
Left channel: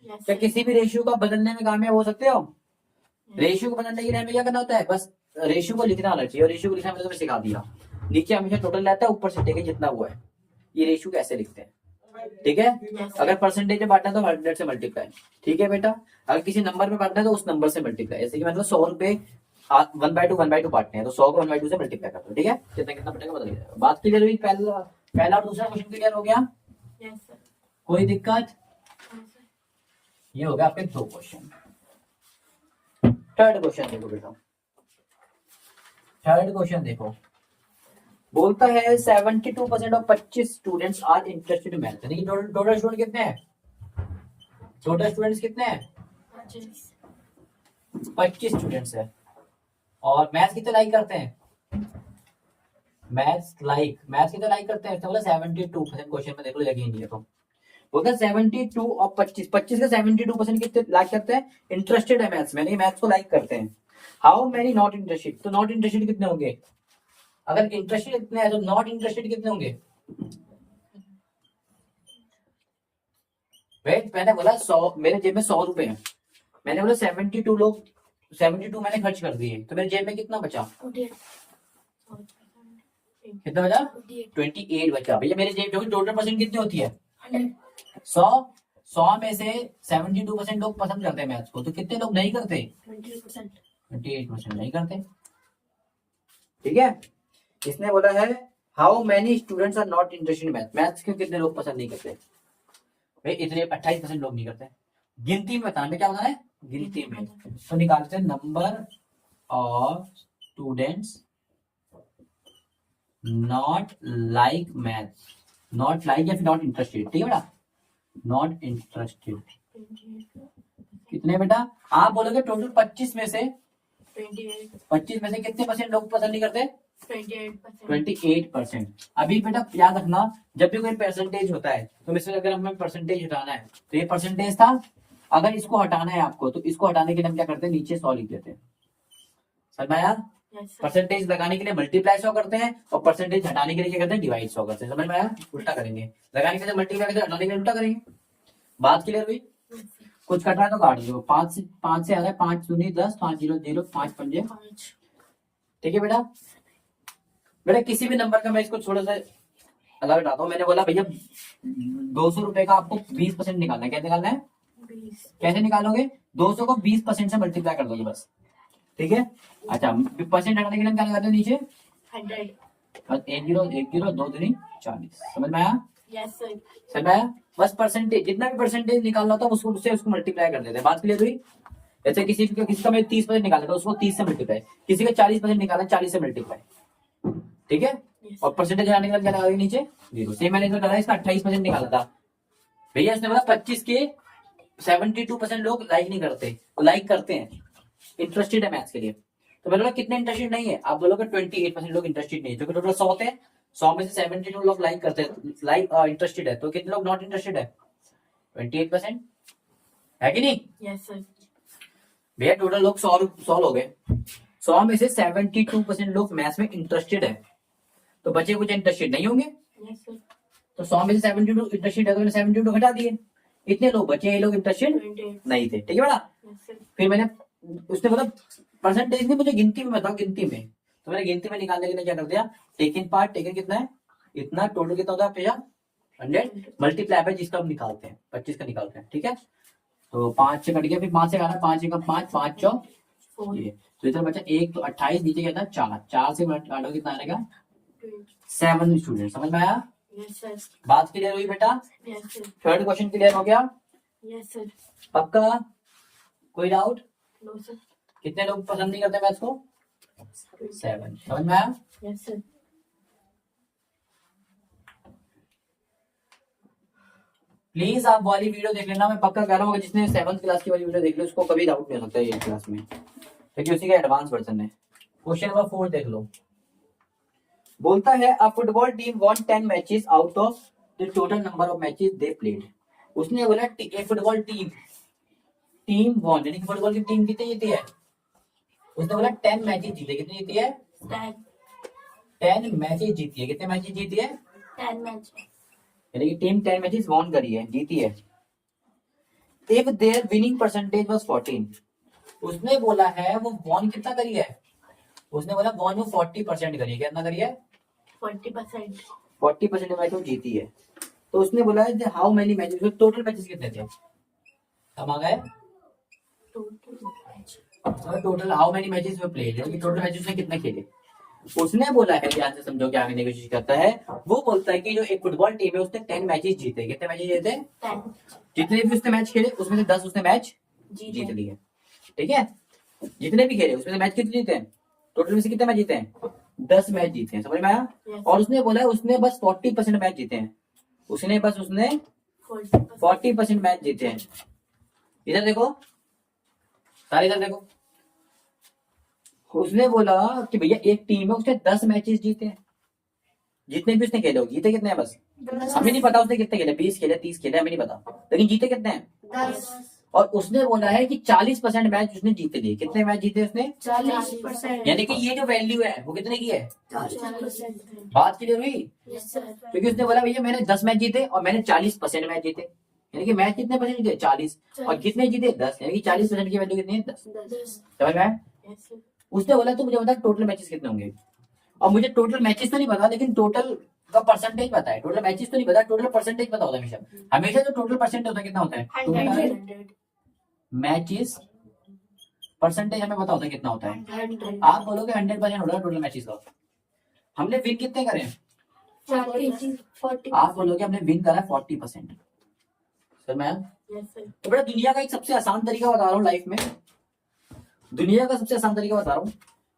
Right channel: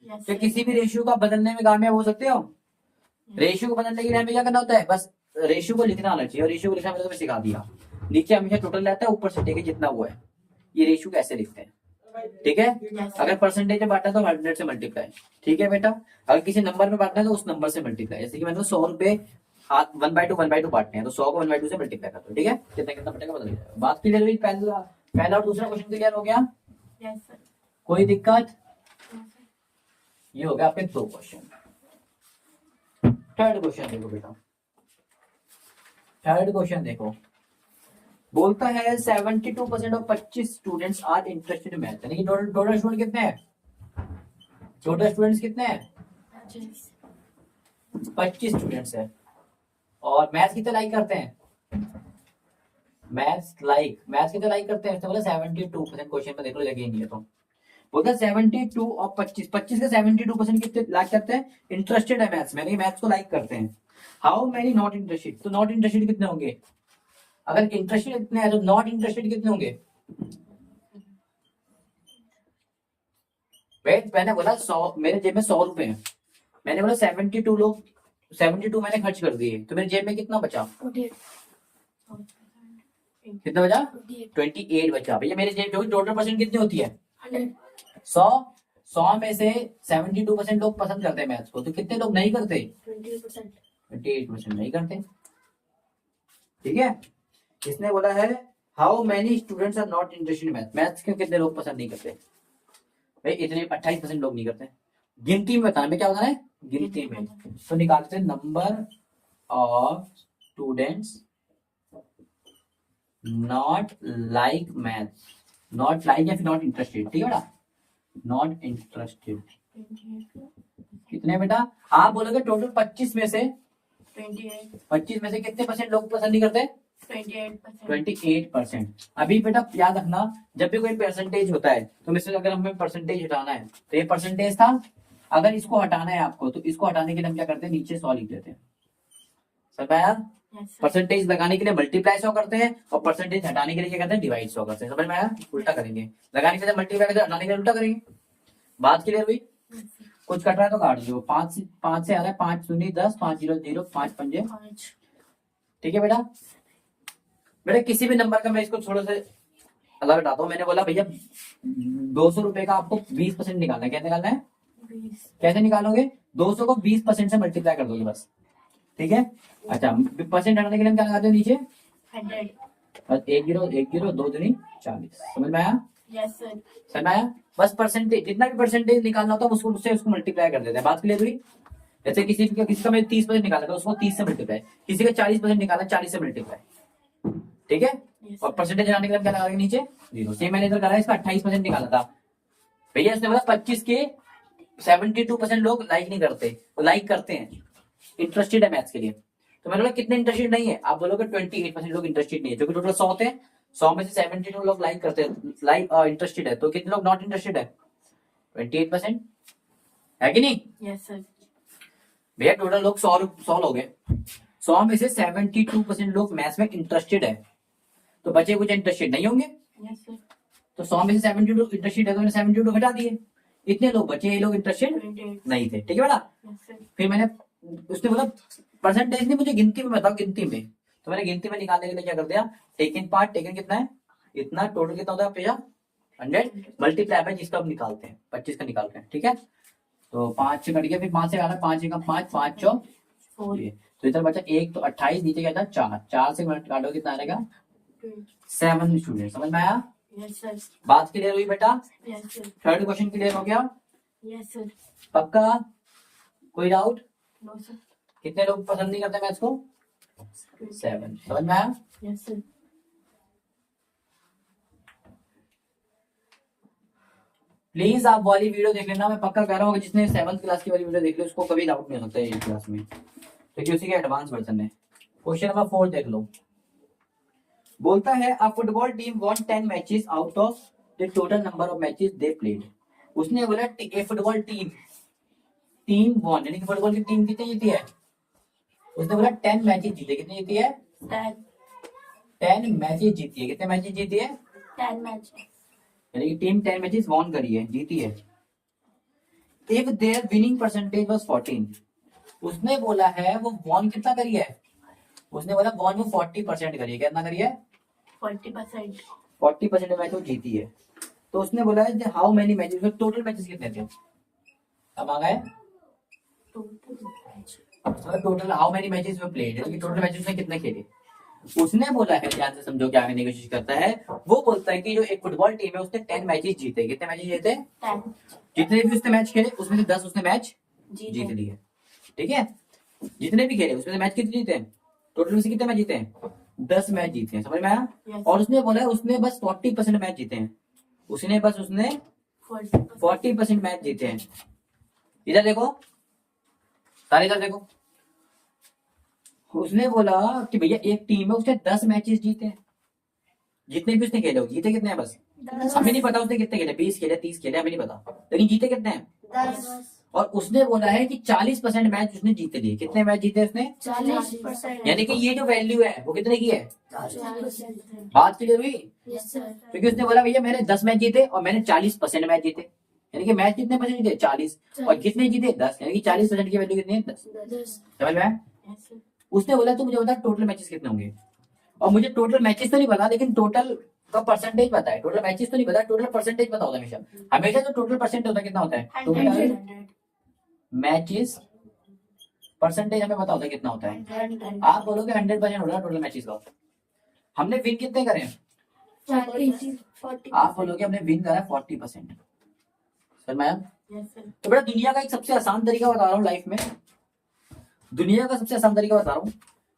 यस क्या किसी भी रेशियो का बदलने में कामयाब हो सकते हो। रेशियो को बदलने के लिए हमें क्या करना होता है, बस रेशियो को लिखना आना चाहिए, और रेशियो को लिखना मैंने तुम्हें सिखा दिया। नीचे हमेशा टोटल रहता है, ऊपर से टेके जितना हुआ है। ये रेशियो कैसे लिखते हैं, ठीक है। अगर परसेंटेज में बांटना है तो 100 से मल्टीप्लाई, ठीक है बेटा। अगर किसी नंबर में बांटना है तो उस नंबर से मल्टीप्लाई। जैसे कि मतलब 100 रुपए 1/2 बांटने हैं, तो 100 को 1/2 से मल्टीप्लाई करते हो, ठीक है। कितना कितना बटेगा बदल जाएगा। बात क्लियर हुई। पहला और दूसरा क्वेश्चन क्लियर हो गया, यस सर कोई दिक्कत। ये हो गया आपके 2 क्वेश्चन। थर्ड क्वेश्चन देखो बेटा, थर्ड क्वेश्चन देखो, बोलता है 72% of 25 students are interested in math. यानी कि टोटल स्टूडेंट कितने हैं, टोटल स्टूडेंट्स कितने हैं, 25 स्टूडेंट्स हैं। और मैथ्स कितने लाइक करते हैं, मैथ्स कितने लाइक करते हैं, इसने बोला 72%। क्वेश्चन में देख लो, लगी नहीं है तो बोलते हैं 72 और 25 का 72% कितने लाइक करते हैं, इंटरेस्टेड है मैथ्स में, यानी मैथ्स को लाइक करते हैं। हाउ मेनी नॉट इंटरेस्टेड, तो नॉट इंटरेस्टेड कितने होंगे, अगर इंटरेस्टेड कितने हैं तो नॉट इंटरेस्टेड कितने होंगे। वेट, मैंने बोला 100, मेरे जेब में 100 रुपए हैं, मैंने बोला 72 मैंने खर्च कर दिए, तो मेरे जेब में कितना बचा, कितना बचा, 28 बचा। भैया मेरे जेब टोटल परसेंट कितनी होती है, 100 में से 72% लोग पसंद करते हैं मैथ्स को, तो कितने लोग नहीं करते, 28% नहीं करते, ठीक है। इसने बोला है how many students are not interested in maths, maths क्यों कितने लोग पसंद नहीं करते भाई, इतने 28% लोग नहीं करते। गिनती में बताना, क्या बताना है, गिनती में। तो निकालते हैं number of students not like maths, not like या फिर नॉट इंटरेस्टेड, ठीक है बेटा, नॉट इंटरेस्टेड कितने बेटा, आप बोलोगे टोटल 25 में से 25 में से कितने परसेंट लोग पसंद नहीं करते, 28%। अभी बेटा याद रखना, जब भी कोई परसेंटेज होता है तो इसमें अगर हमें परसेंटेज हटाना है, तो ये परसेंटेज था, अगर इसको हटाना है आपको, तो इसको हटाने के लिए हम क्या करते हैं, नीचे 100 लिख देते हैं। समझ में आया। परसेंटेज लगाने के लिए मल्टीप्लाई 100 करते हैं, और परसेंटेज हटाने के लिए क्या करते हैं, डिवाइड 100 करते हैं। समझ में आया। उल्टा करेंगे, लगाने के लिए मल्टीप्लाई करेंगे, हटाने के लिए उल्टा करेंगे। बात क्लियर हुई। कुछ कट रहा है तो काट दो। 5 से आ रहा है, 5 दूनी 10, 5 0 0, 5 पंजे, ठीक है बेटा। बेटा किसी भी नंबर का मैं इसको थोड़ा सा अलग बताता हूँ। मैंने बोला भैया 200 रुपए का आपको 20% निकालना है, क्या निकालना है, कैसे निकालोगे, 200 को 20% से मल्टीप्लाई कर दोगे बस, ठीक है। अच्छा, परसेंट हटाने के लिए हम क्या लगाते हैं नीचे 100, 1 0 2 दूनी 40। समझ में आया, समझ में आया। बस परसेंटेज, जितना भी परसेंटेज निकालना होता है उसको उससे उसको मल्टीप्लाई कर देते हैं। बात क्लियर हुई। जैसे किसी का मैं 30% निकाला था, उसको 30 से मल्टीप्लाई, किसी का 40% निकाला, 40 से मल्टीप्लाई, ठीक है। और परसेंटेज हटाने के लिए क्या लगाएंगे नीचे 0। सेम मैंने इधर करा, इसका 28% निकाला था भैया, इसने बोला 25 के 72% लोग लाइक नहीं करते, तो लाइक करते हैं, इंटरेस्टेड है मैथ्स के लिए। तो मैंने बोला कितने इंटरेस्टेड नहीं है, आप बोलोगे 28% लोग इंटरेस्टेड नहीं है, जो कि टोटल 100 थे, 100 में से 72 लोग लाइक करते हैं, लाइक इंटरेस्टेड है, तो कितने लोग नॉट इंटरेस्टेड है, 28%, है कि नहीं। भैया टोटल लोग 100 लोग हैं, 100 में से 72% लोग मैथ्स में इंटरेस्टेड है, तो बचे कुछ इंटरेस्टेड नहीं होंगे। तो 100 में से 72 इंटरेस्टेड है, तो मैंने 72 घटा दिए, इतने लोग बचे, ये लोग इंटरेस्टेड नहीं थे, ठीक है बेटा। फिर मैंने उसने बोला परसेंटेज नहीं, मुझे गिनती में बताओ, गिनती में, तो मैंने गिनती में निकालने के लिए क्या कर दिया, टेकन पार्ट, टेकन कितना है, इतना, टोटल कितना होता है भैया 100, मल्टीप्लाई बाय जिसका हम निकालते हैं, 25 का निकालते हैं, ठीक है। तो 5 से कट गया, फिर 5 से काटा, 5 का 5, 5 4 ये, तो इधर बचा 1, तो 28, नीचे क्या था 4, 4 से काटो कितना आएगा 7 स्टूडेंट। समझ में आया। बात क्लियर हुई बेटा। थर्ड क्वेश्चन क्लियर हो गया, पक्का, कोई डाउट। कितने लोग पसंद नहीं करते मैथ्स को, 7। समझ में आया? Yes, sir. प्लीज आप वाली वीडियो देख लेना, मैं पक्का कह रहा हूँ जिसने 7th क्लास की वाली वीडियो देख ली उसको कभी डाउट नहीं हो सकता ये क्लास में, क्योंकि उसी के एडवांस वर्जन है। क्वेश्चन नंबर 4 देख लो। बोलता है अ football team von 10 matches out of the total number of matches they played. उसने बोला ए फुटबॉल टीम वॉन, यानी कि फुटबॉल की टीम कितनी जीती है? उसने बोला 10 मैचेस जीते। कितनी जीती है? 10 मैचेस जीती है। कितने मैचेस जीती है? 10 match. यानी कि टीम 10 मैचेस वॉन करी है, जीती है। If there winning percentage was 14, उसने बोला है वो वॉन कितना करी है? उसने बोला वॉन वो 40% करी है। कितना करी है? 40%. 40% मैच वो जीती है। तो उसने बोला है how many matches, total matches कितने थे? अब आ गए Total match. Total how many matches में प्लेड, यानी कि टोटल मैचेस में कितने खेले। उसने बोला है, ध्यान से समझो क्या करने की कोशिश करता है। वो बोलता है कि जो एक फुटबॉल टीम है उसने 10 मैचेस जीते। कितने मैचेस जीते? 10. जितने भी उसने मैच खेले उसमें से 10 उसने मैच जीत लिए। ठीक है, जितने भी खेले उसमें से मैच कितने जीते हैं? टोटल में से कितने मैच जीते हैं? 10 मैच जीते हैं। समझ में आया? Yes. और उसने बोला है उसने बस 40% मैच जीते हैं। उसने 40%. 40% मैच जीते हैं। इधर देखो, सारे इधर देखो। उसने बोला कि भैया एक टीम है उसने 10 मैचेस जीते हैं। जितने भी उसने खेले हो, जीते कितने हैं? बस हमें नहीं पता उसने कितने खेले, 20 खेले 30 खेले, हमें नहीं पता, लेकिन जीते कितने हैं? 10. और उसने बोला है कि 40% मैच उसने जीते लिए। कितने मैच जीते उसने? 40%. यानी कि ये जो वैल्यू है वो कितने की है? 40%. बात क्लियर हुई? Yes, sir. क्योंकि उसने बोला भैया मैंने 10 मैच जीते और मैंने 40% मैच जीते, यानी कि मैच कितने परसेंट जीते? 40। और कितने जीते? 10, यानी कि 40% की वैल्यू कितनी है? 10। 10. समझ में आया? Yes, sir. उसने बोला तो मुझे बता टोटल मैचेस कितने होंगे। और मुझे टोटल मैचेस तो नहीं पता, लेकिन टोटल का परसेंटेज पता है। टोटल मैचेस तो नहीं पता, टोटल परसेंटेज पता होता है हमेशा। हमेशा तो टोटल परसेंट होता है, कितना होता है? टोटल 100. मैचेस परसेंटेज हमें पता होता है कितना होता है। 100. आप बोलोगे 100% होगा टोटल मैचेस का। हमने विन कितने करे हैं? 40. आप बोलोगे हमने विन करा 40%। Sir ma'am, Yes, sir. तो बेटा दुनिया का एक सबसे आसान तरीका बता रहा हूँ लाइफ में, दुनिया का सबसे आसान तरीका बता रहा हूँ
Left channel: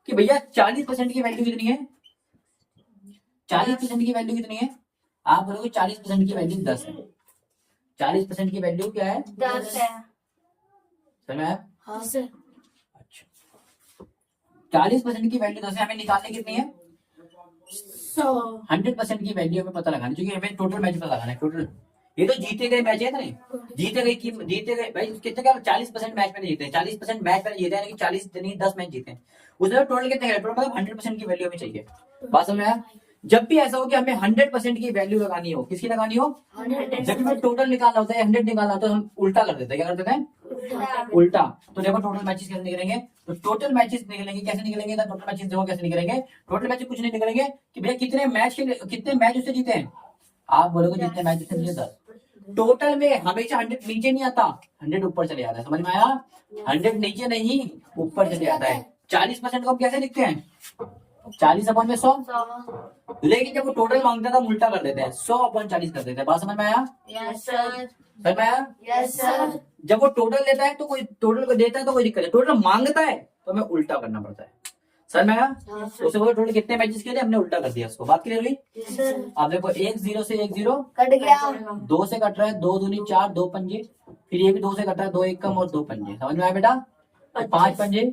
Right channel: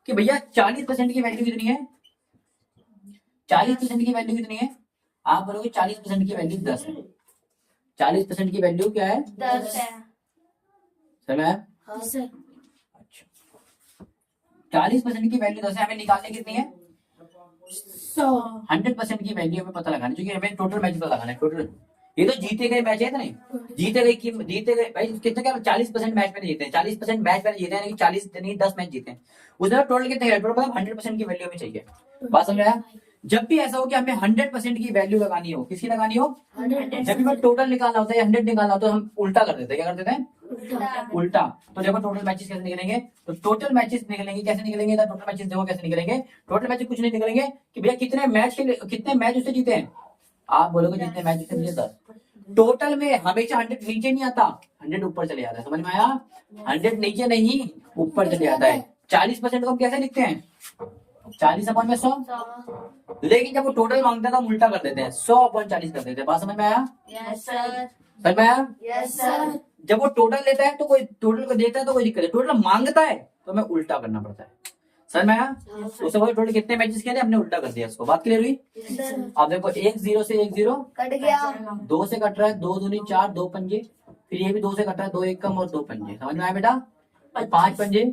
कि भैया 40% की वैल्यू कितनी है? 40% की वैल्यू कितनी है? आप बोलोगे 40% की वैल्यू 10 है। 40% की वैल्यू क्या है? 10 है. सर मैम, हाँ सर. अच्छा 40% की वैल्यू 10 है, हमें निकालनी कितनी है? 100. 100% की वैल्यू हमें पता लगाना, क्योंकि हमें टोटल मैच पता लगाना है। टोटल ये तो जीते गए मैच है नहीं, जीते गए भाई कितने क्या 40% मैच में जीते हैं। 40% मैच में जीते हैं, 40 नहीं 10 मैच जीते हैं। उसमें टोटल कितने? टोटल मतलब 100% की वैल्यू हमें चाहिए। बात समझ में आया? जब भी ऐसा हो कि हमें 100% की वैल्यू लगानी हो, किसकी लगानी हो? 100. जब हमें टोटल निकालना होता है 100 निकालना होता है तो हम उल्टा कर देते हैं। क्या कर देते हैं? उल्टा। तो देखो टोटल मैचेस कैसे निकलेंगे, तो टोटल मैचेस निकलेंगे कैसे निकलेंगे? तो टोटल मैचेस देखो कैसे निकलेंगे। टोटल मैचेस कुछ नहीं निकलेंगे कि भैया कितने मैच उससे जीते हैं। आप बोलोगे जितने मैच उससे जीते 10। टोटल में हमेशा 100 नीचे नहीं आता, 100 ऊपर चले जाता है। समझ में आया? 100 नीचे नहीं ऊपर चले जाता है। 40% को हम कैसे लिखते हैं? 40/100। लेकिन जब वो टोटल मांगता है तो हम उल्टा कर देते हैं, 100/40 कर देते हैं। बात समझ में आया? Yes, sir. समझ में आया? Yes, sir. जब वो टोटल देता है तो कोई टोटल को देता है तो कोई दिक्कत है, टोटल मांगता है तो हमें उल्टा करना पड़ता है। सर मैं उससे बोला टोटल कितने मैचेस खेले, हमने उल्टा कर दिया इसको। बात क्लियर हुई? Yes, sir. अब देखो 1 0 से 1 0 कट गया. 2 से कट रहा है, 2 दूनी 4, 2 पंजे, फिर ये भी 2 से कट रहा है, 2 1 कम और 2 पंजे। समझ में आया बेटा? 5 पंजे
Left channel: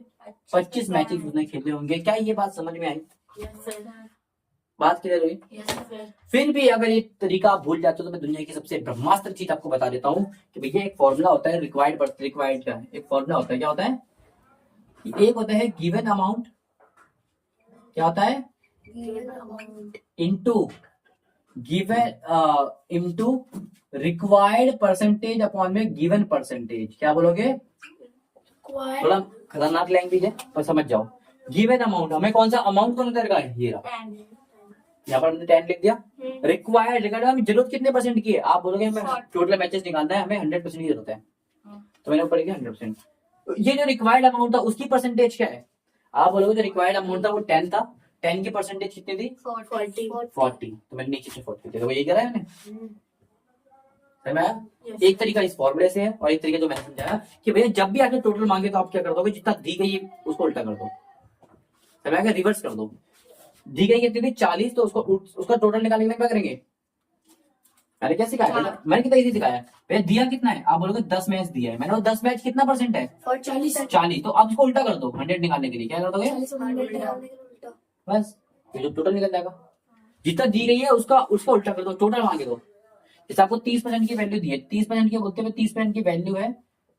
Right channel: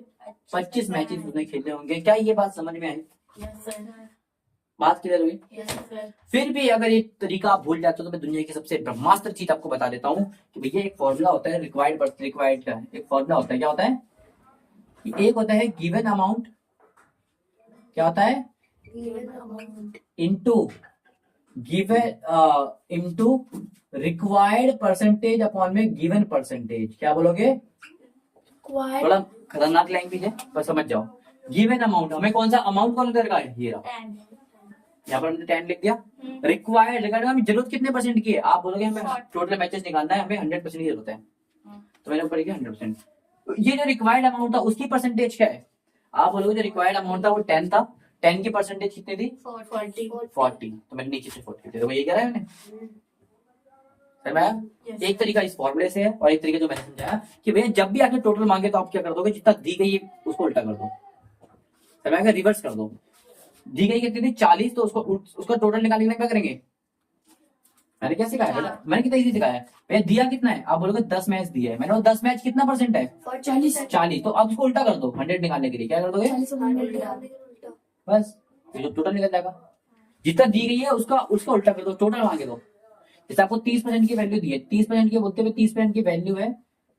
25 मैचेस उसने खेले होंगे। क्या ये बात समझ में आई? Yes, sir. बात क्लियर हुई? Yes, sir. फिर भी अगर ये तरीका आप भूल जाते हो तो मैं दुनिया की सबसे ब्रह्मास्त्र चीज आपको बता देता हूँ कि भैया एक फॉर्मूला होता है रिक्वायर्ड का एक फॉर्मूला होता है। क्या होता है? एक होता है गिवन अमाउंट, क्या होता है? Given amount. Into required percentage upon में गिवन परसेंटेज। क्या बोलोगे? Required. थोड़ा खतरनाक लैंग्वेज है पर समझ जाओ। गिवन अमाउंट, हमें कौन सा अमाउंट कौन सा है? ये रहा, 10. यहाँ पर हमने 10 लिख दिया। रिक्वायर्ड हमें जरूरत कितने परसेंट की है? आप बोलोगे हमें टोटल मैचेस निकालना है, हमें 100% की जरूरत है, तो मैंने ऊपर लिखा 100%। ये जो रिक्वायर्ड अमाउंट था उसकी परसेंटेज क्या है? आप बोलोगे जो रिक्वायर्ड अमाउंट था वो 10 था, 10 की परसेंटेज कितनी थी? 40, तो मैंने नीचे से 40 थे, तो ये कह रहा है मैंने। Yes. एक तरीका इस फॉर्मूले से है और एक तरीका जो मैंने समझाया कि भैया जब भी आके टोटल मांगे तो आप क्या कर दोगे? जितना दी गई है उसको उल्टा कर दो। समय रिवर्स कर दो। दी गई कितनी थी 40, तो उसका टोटल निकालने के लिए क्या करेंगे? मैंने क्या सिखाया भैया? मैंने कितना इजी सिखाया भैया? दिया कितना है? आप बोलोगे 10 मैच दिया है। मैंने बोला 10 मैच कितना परसेंट है? 40। तो अब इसको उल्टा कर दो 100 निकालने के लिए। क्या कर दोगे? बस ये जो टोटल निकल जाएगा। जितना दी गई है उसका उल्टा कर दो, टोटल मांगे दो। जैसे आपको 30% की वैल्यू दी है, 30% की बोलते हुए 30% की वैल्यू है,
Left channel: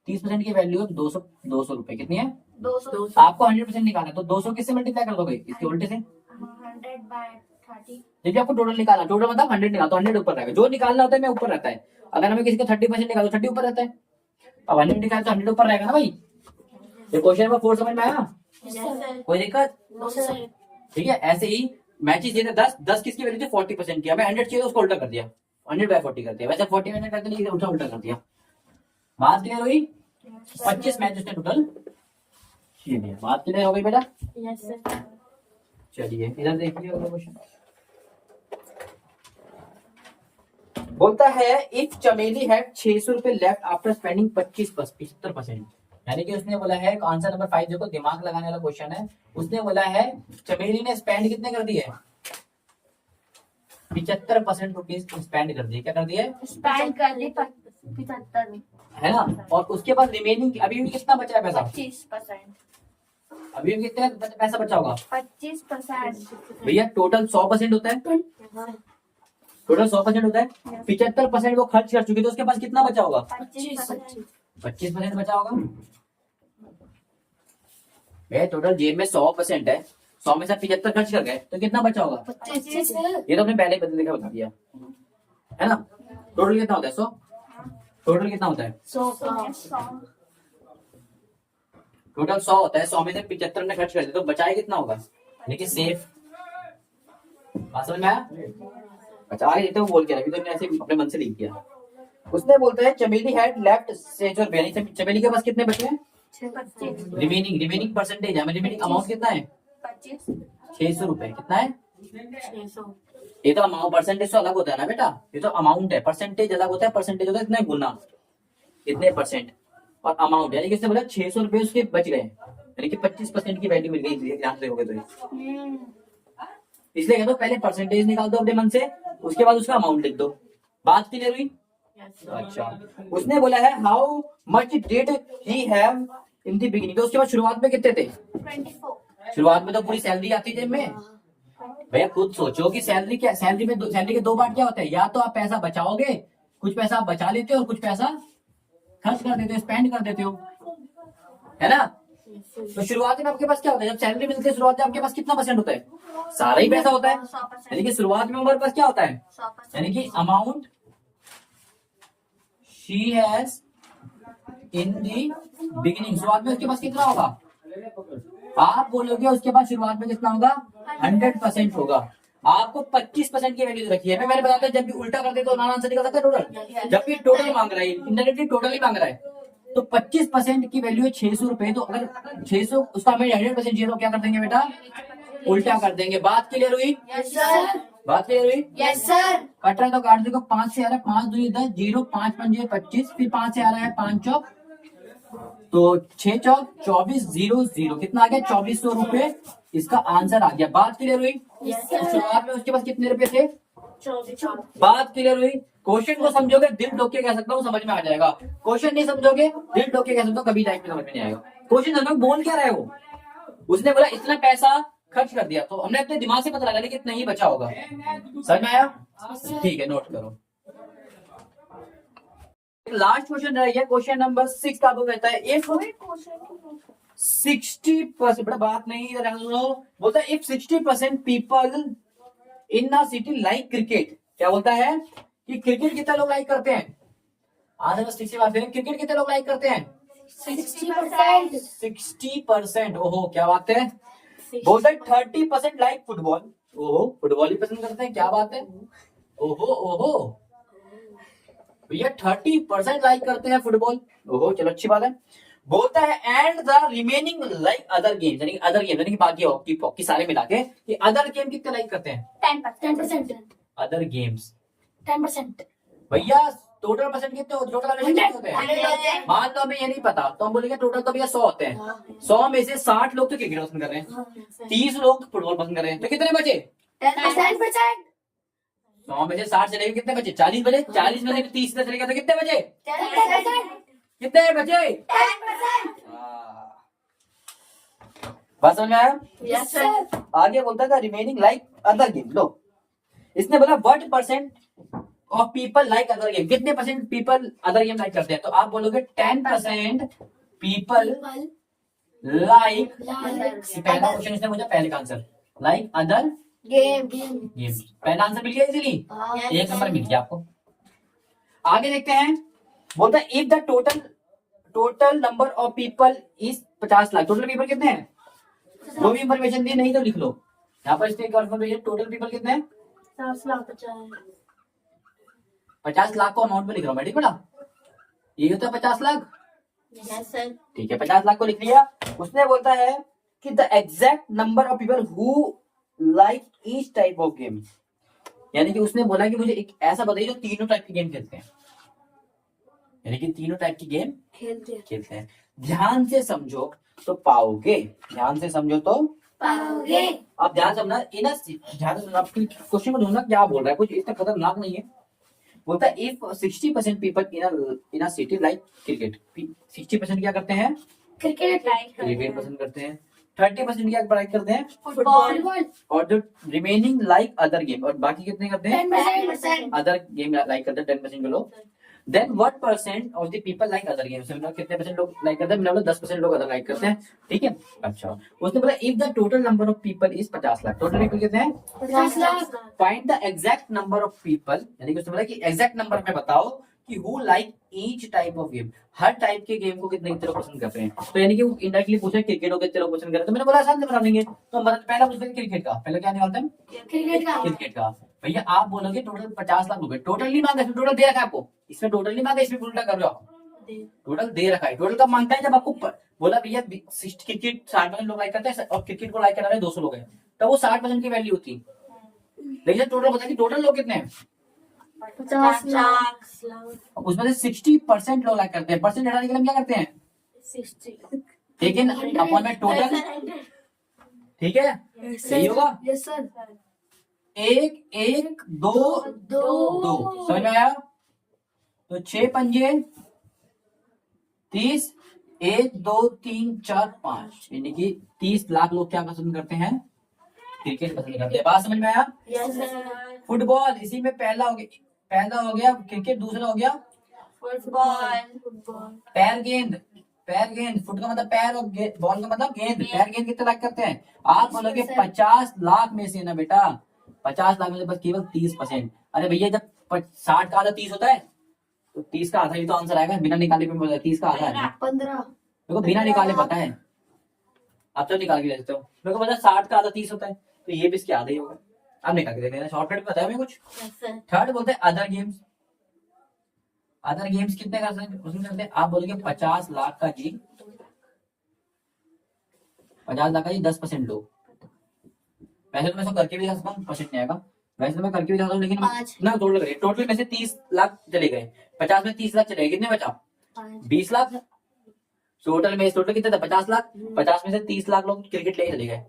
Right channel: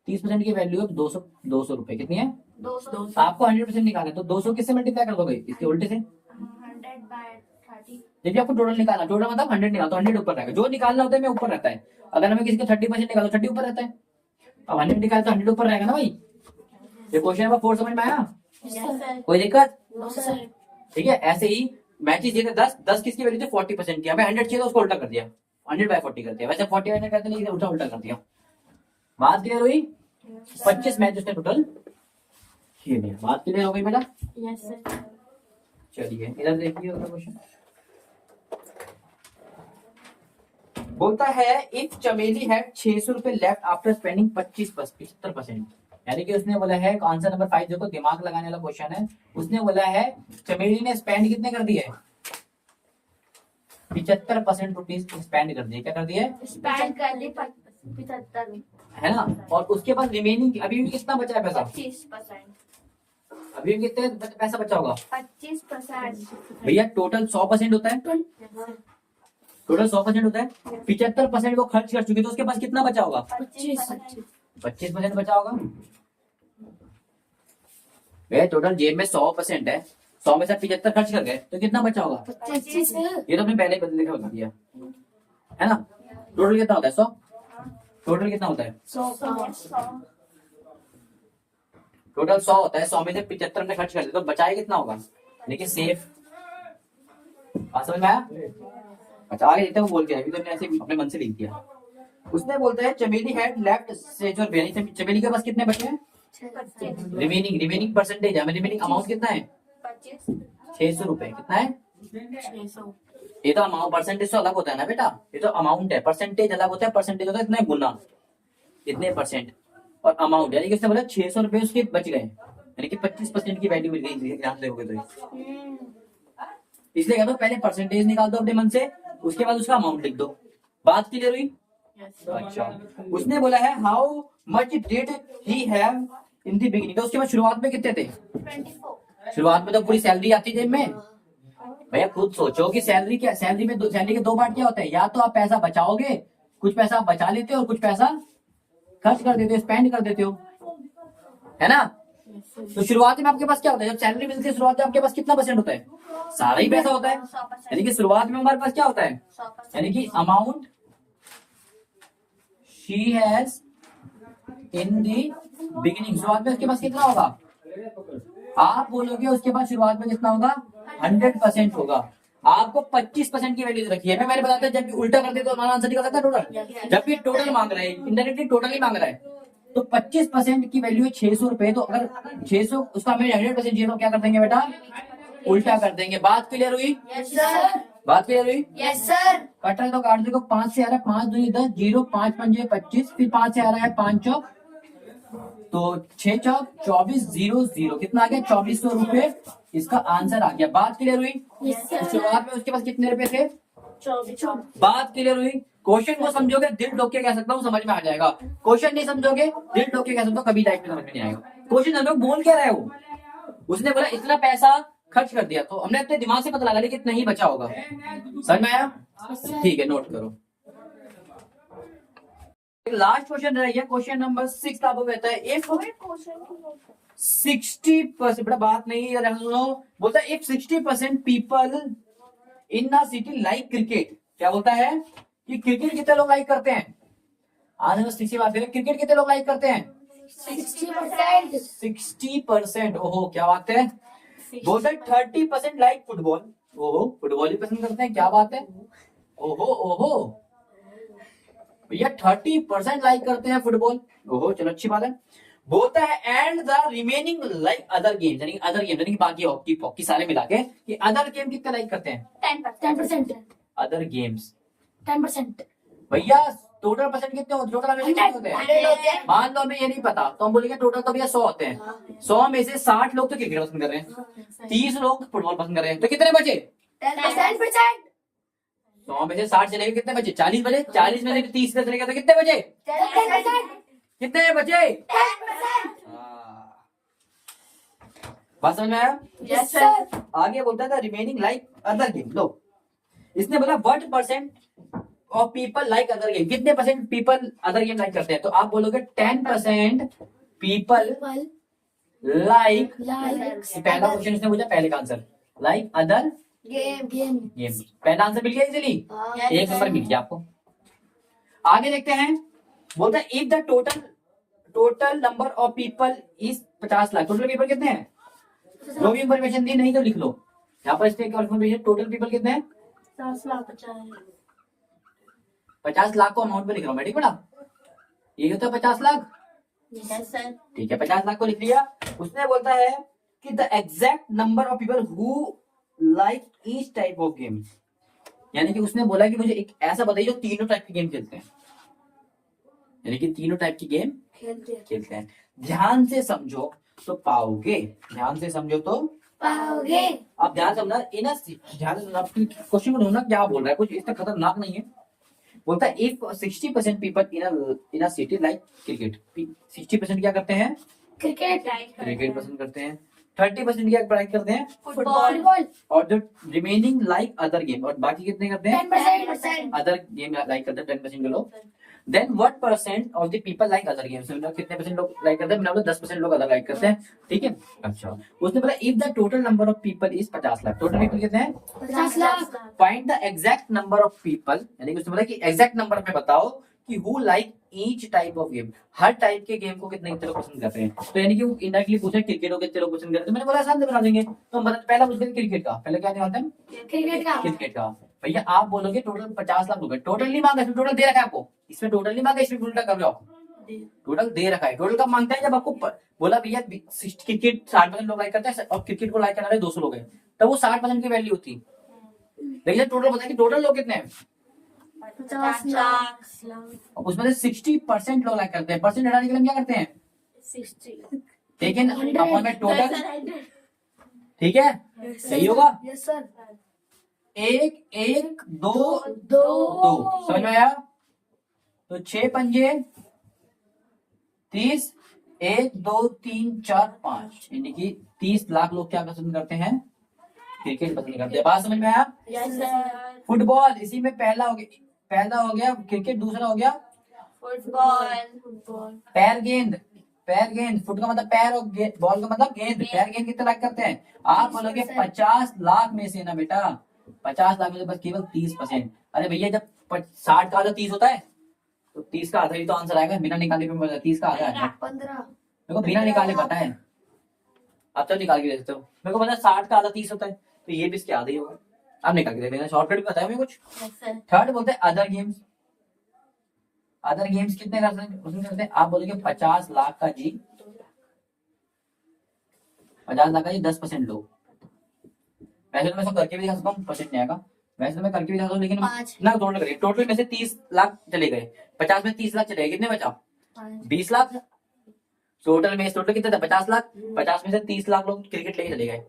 30% की वैल्यू है 200 रुपए। कितनी है? 200। आपको 100% निकालना है, तो 200 किससे मल्टीप्लाई कर दोगे? इसके उल्टे से। 100/30। जब आपको टोटल निकालना, टोटल मतलब 100 निकालो तो 100 ऊपर रहेगा। जो निकालना होता है मैं ऊपर रहता है। अगर हमें किसी का 30% निकालो 30 ऊपर रहता है। अब 100 निकाले तो 100 ऊपर रहेगा ना भाई। ये क्वेश्चन नंबर 4 समझ में आया? कोई दिक्कत? ठीक है। ऐसे ही मैचेस जीते 10 किसकी वैल्यू थी? 40% की। हमें 100 चाहिए तो उसको उल्टा कर दिया, 100/40 कर दिया। वैसे 40 100 करते नहीं, उल्टा उल्टा कर दिया। बात क्लियर हुई? 25 मैच उसने टोटल खेल लिया। बात क्लियर हो गई बेटा? चलिए इधर देखिए क्वेश्चन। बोलता है एक चमेली हैड 600 रुपए लेफ्ट आफ्टर स्पेंडिंग 75%। यानी कि उसने बोला है आंसर नंबर 5, देखो दिमाग लगाने वाला क्वेश्चन है। उसने बोला है चमेली ने स्पेंड कितने कर दिए? 75% रुपीज स्पेंड कर दिए। क्या कर दिए? स्पेंड कर दी 75 है ना। और उसके बाद रिमेनिंग अभी भी कितना बचा है पैसा? 25%। अभी भी कितना पैसा बचा होगा 25%। भैया? टोटल 100% होता है। टोटल 100% होता है। 75% वो खर्च कर चुकी, तो उसके पास कितना बचा होगा? 25% बचा होगा। भैया टोटल जेब में 100% है, 100 में से 75 खर्च कर गए तो कितना बचा होगा? 25। ये तो अपने पहले ही बदल के बता दिया है ना। टोटल कितना होता है? 100। टोटल कितना होता है? 100। टोटल 100 होता है, 100 में से 75 ने खर्च कर दिया तो बचाए कितना होगा? लेकिन सेफ। बात समझ में आया? अच्छा आगे देते वो बोल के रखी, तो मैंने ऐसे अपने मन से लिख दिया। उसने बोलता है चमेली हैड लेफ्ट 600 रुपए। चमेली के पास कितने बचे हैं? रिमेनिंग परसेंटेज है, रिमेनिंग अमाउंट कितना है? 600 रुपए। कितना है? 600। ये तो अमाउंट, परसेंटेज तो अलग होता है ना बेटा। ये तो अमाउंट है, परसेंटेज अलग होता है। परसेंटेज होता है इतना गुना, इतने परसेंट, और अमाउंट यानी कि उसने बोला 600 रुपए उसके बच गए, यानी कि 25% की वैल्यू मिल गई ध्यान से हो गए तो। इसलिए कहते पहले परसेंटेज निकाल दो अपने मन से, उसके बाद उसका अमाउंट लिख दो। बात क्लियर हुई? अच्छा। उसने बोला है how much did he have in the beginning. तो उसके बाद शुरुआत में कितने थे? 24। शुरुआत में तो पूरी सैलरी आती जेब में। भैया खुद सोचो कि सैलरी क्या, सैलरी के दो पार्ट क्या होते हैं? या तो आप पैसा बचाओगे, कुछ पैसा आप बचा लेते हो और कुछ पैसा खर्च कर देते हो, स्पेंड कर देते हो, है ना। तो शुरुआत में आपके पास क्या होता है? जब सैलरी मिलती है शुरुआत में आपके पास कितना परसेंट होता है? सारा ही पैसा होता है। यानी कि शुरुआत में हमारे पास क्या होता है? यानी कि amount she has in the beginning. शुरुआत में उसके पास कितना होगा? आप बोलोगे उसके पास शुरुआत में कितना होगा? 100% होगा। आपको 25% की वैल्यू रखी है। मैंने बताया जब भी उल्टा करते तो नाना आंसर निकल सकता है टोटल। जब भी टोटल मांग रहा है, इंडायरेक्टली टोटल ही मांग रहा है, तो 25% की वैल्यू है 600 रुपए। तो अगर 600 उसका हमें 100% चाहिए तो क्या कर देंगे बेटा? उल्टा कर देंगे। बात क्लियर हुई? बात क्लियर हुई? कट रहा है तो काट देखो। 5 से आ रहा है 5 दूनी 10, 0 5 पंजे 25, फिर 5 से आ रहा है 5 चौक, तो 6 चौक 24, 0 0 कितना आ गया? 2400 रुपए इसका आंसर आ गया। बात क्लियर हुई? शुरुआत में उसके पास कितने रुपए थे? 24। बात क्लियर हुई? क्वेश्चन को समझोगे दिल ठोक के कह सकता हूँ समझ में आ जाएगा। क्वेश्चन नहीं समझोगे दिल ठोक के कह सकता हूँ कभी लाइफ में समझ में नहीं आएगा। क्वेश्चन हम लोग बोल क्या रहे हो? उसने बोला इतना पैसा खर्च कर दिया, तो हमने अपने दिमाग से पता लगा लिया कि इतना ही बचा होगा। समझ में आया? ठीक है, नोट करो। लास्ट क्वेश्चन रह गया, क्वेश्चन नंबर 6 आपको कहता है इफ 60%, बड़ा बात नहीं है, बोलता है if 60% people in a city like cricket. क्या बोलता है कि क्रिकेट कितने लोग लाइक करते हैं? आज बस इसी बात है, क्रिकेट कितने लोग लाइक करते हैं? 60%। 60%। ओहो क्या बात है। बोलता है 30% लाइक फुटबॉल। ओहो फुटबॉल ही पसंद करते हैं, क्या बात है। ओहो ओहो भैया 30% लाइक करते हैं फुटबॉल। ओहो चलो अच्छी बात है। बोलता है and the remaining like other games, यानी अदर गेम यानी बाकी हॉकी सारे मिला के कि अदर गेम कितने लाइक करते हैं? 10%। Other games 10%। भैया टोटल परसेंट कितने होते हैं, टोटल हमेशा कितने होते हैं। मान लो हमें ये नहीं पता तो हम बोलेंगे टोटल तो भैया 100 होते हैं। 100 में से 60 लोग तो क्रिकेट पसंद कर रहे हैं, 30 लोग फुटबॉल पसंद कर रहे हैं, तो कितने बचे। 10%। 100 में से 60 चले गए, कितने बचे, 40 बचे। 40 में से 30 चले गए तो कितने बचे, 10%। कितने बचे। 10%। बात समझ में आया। Yes, sir. आगे बोलता था रिमेनिंग लाइक अदर गेम। लो इसने बोला what percent of people like other game, कितने percent people other game like करते हैं, तो आप बोलोगे 10% पीपल लाइक। पहला क्वेश्चन इसने पूछा, पहले का answer like other Game. Game. पहला आंसर मिल गया इजीली, एक नंबर मिल गया आपको। आगे देखते हैं, बोलता है if the total number of people is 50 lakh. Total people कितने हैं, जो भी इंफॉर्मेशन दी नहीं तो लिख लो यहाँ पर। इसमें इंफॉर्मेशन टोटल पीपल कितने हैं, 50 लाख को अमाउंट पे लिख रहा हूँ मैं, ठीक बड़ा ये होता है 50 लाख। Yes, sir. ठीक है 50 लाख को लिख लिया। उसने बोलता है कि the exact number of people who like each type of game, यानी कि उसने बोला कि मुझे एक ऐसा बताइए जो तीनों टाइप की गेम खेलते हैं, यानी कि तीनों टाइप की गेम खेलते हैं। ध्यान से समझो तो पाओगे, ध्यान से समझो तो पाओगे। आप ध्यान से समझना, ध्यान से समझना, क्वेश्चन को ढूंढना क्या बोल रहा है, कुछ इतना खतरनाक नहीं है। बोलता है if 60% people in a city like cricket, 60% क्या करते हैं, क्रिकेट। क्रिकेट पसंद करते हैं। 30% क्या पढ़ाई करते हैं, फुटबॉल। और जो रिमेनिंग लाइक अदर गेम, और बाकी कितने करते हैं, 10%। अदर गेम लाइक करते हैं 10% के लोग। Then what percent of the people like other games, कितने परसेंट लोग लाइक करते हैं, मतलब 10% लोग अदर लाइक करते हैं, ठीक है। अच्छा उसने बोला if the total number of people is 50 lakh, total people कितने हैं, 50 lakh. Find the exact number of people, यानी कि उसने बोला कि एग्जैक्ट नंबर में बताओ कि who like each type of game, her type के गेम को कितने लोग पसंद करते हैं। तो यानी कि वो इनडायरेक्टली पूछा क्रिकेट को कितने लोग पसंद करते हैं, तो मैंने बोला आसान से बता देंगे। तो मतलब पहला पूछते हैं क्रिकेट का, पहले क्या निकालते हैं, क्रिकेट का। भैया आप बोलोगे टोटल 50 लाख रुपए, टोटल नहीं मांगा, इसमें टोटल दे रखा है आपको, इसमें टोटल नहीं मांगा, इसमें उल्टा कर रहे हो आप, टोटल दे रखा है। टोटल कब मांगता है, जब आपको बोला भैया क्रिकेट 60% लोग लाइक करते हैं और क्रिकेट को लाइक करने वाले 200 लोग हैं, तब वो 60% की वैल्यू होती है। लेकिन टोटल बताया कि टोटल लोग कितने हैं, 50 लाख। उसमें से 60% लोग लाइक करते हैं, परसेंट हटाने के लिए हम क्या करते हैं, 60। ठीक है अपन में टोटल, ठीक है सही होगा। Yes sir. 1 1 2 2 समझ में आया। तो 6 पंजे 30, 1 2 3 4 5, यानी कि 30 लाख लोग क्या पसंद करते हैं, क्रिकेट पसंद करते हैं। बात समझ में आया। Yes sir. फुटबॉल इसी में पहला हो गया क्रिकेट, दूसरा हो गया फुटबॉल। पैर गेंद, फुट का मतलब पैर और बॉल का मतलब गेंद। पैर गेंद कितना लाइक करते हैं, आप बोलोगे 50 लाख में से ना बेटा, 50 लाख में से बस केवल 30%। अरे भैया जब 60 का आधा 30 होता है तो 30 का आधा ही तो आंसर आएगा, बिना निकाले पे 30 का आधा है। 15। मेरे को बिना निकाले पता है, आप तो निकाल के दे सकते हो। मेरे को पता है 60 का आधा 30 होता है, तो ये भी इसके आधा ही होगा। अब निकाल के दे देना, शॉर्टकट पता है मैं कुछ। थर्ड बोलते हैं अदर गेम्स। अदर गेम्स कितने कर सकते उसमें करते हैं, आप बोलेंगे 50 लाख का जी, 50 लाख का जी 10% लोग। वैसे तो मैं सब करके भी दिखा सकता हूँ, परसेंट नहीं आएगा, वैसे तो मैं करके भी दिखा सकता हूँ, लेकिन ना टोटल करिए। टोटल में से 30 लाख चले गए, 50 में 30 लाख चले गए, कितने बचा 20 लाख। टोटल कितने था 50 लाख, 50 में से 30 लाख लोग क्रिकेट लेके चले गए,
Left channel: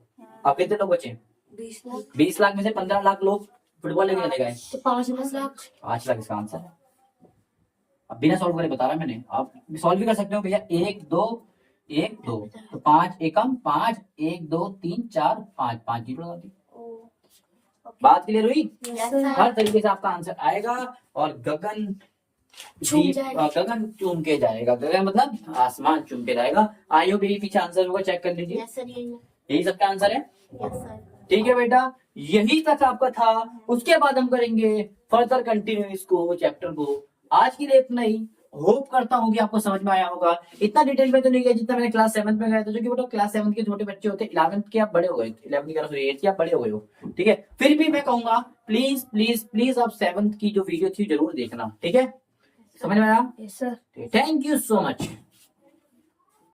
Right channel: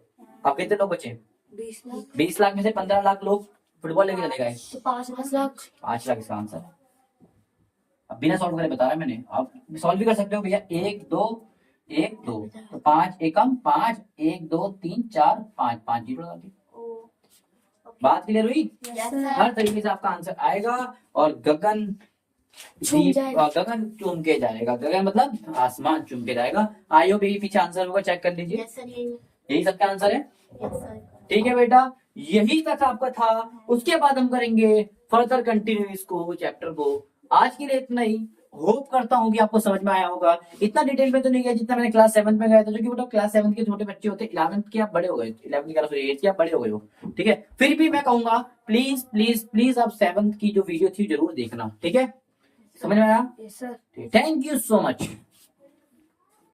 अब कितने लोग बचे 20 लाख में से 15 लाख लोग फुटबॉल लेके चले गए, तो 5 लाख। 5 लाख इसका आंसर है। अब बिना सॉल्व करे बता रहा है मैंने, आप सॉल्व भी कर सकते हो भैया। 1 2 1 2 तो 5 एकम 5 1 2 3 4 5 5 जीरो आती। बात क्लियर हुई। हर तरीके से आपका आंसर आएगा और गगन चूम के जाएगा। गगन मतलब आसमान चूम के जाएगा। आई होप यही पीछे आंसर होगा, चेक कर लीजिए। यही सबका आंसर है, ठीक है बेटा। यही तक आपका था, उसके बाद हम करेंगे फर्दर कंटिन्यू इसको चैप्टर को। आज के लिए इतना ही, होप करता हूँ कि आपको समझ में आया होगा। इतना डिटेल में तो नहीं गया जितना मैंने क्लास 7 में गया था, जो कि वो क्लास 7 के छोटे बच्चे होते हैं, 11th के आप बड़े हो गए, 11th के 8th के आप बड़े हो गए हो, ठीक है। फिर भी मैं कहूंगा प्लीज प्लीज प्लीज आप 7th की जो वीडियो थी जरूर देखना, ठीक है। समझ में आया। Yes sir. Thank you so much.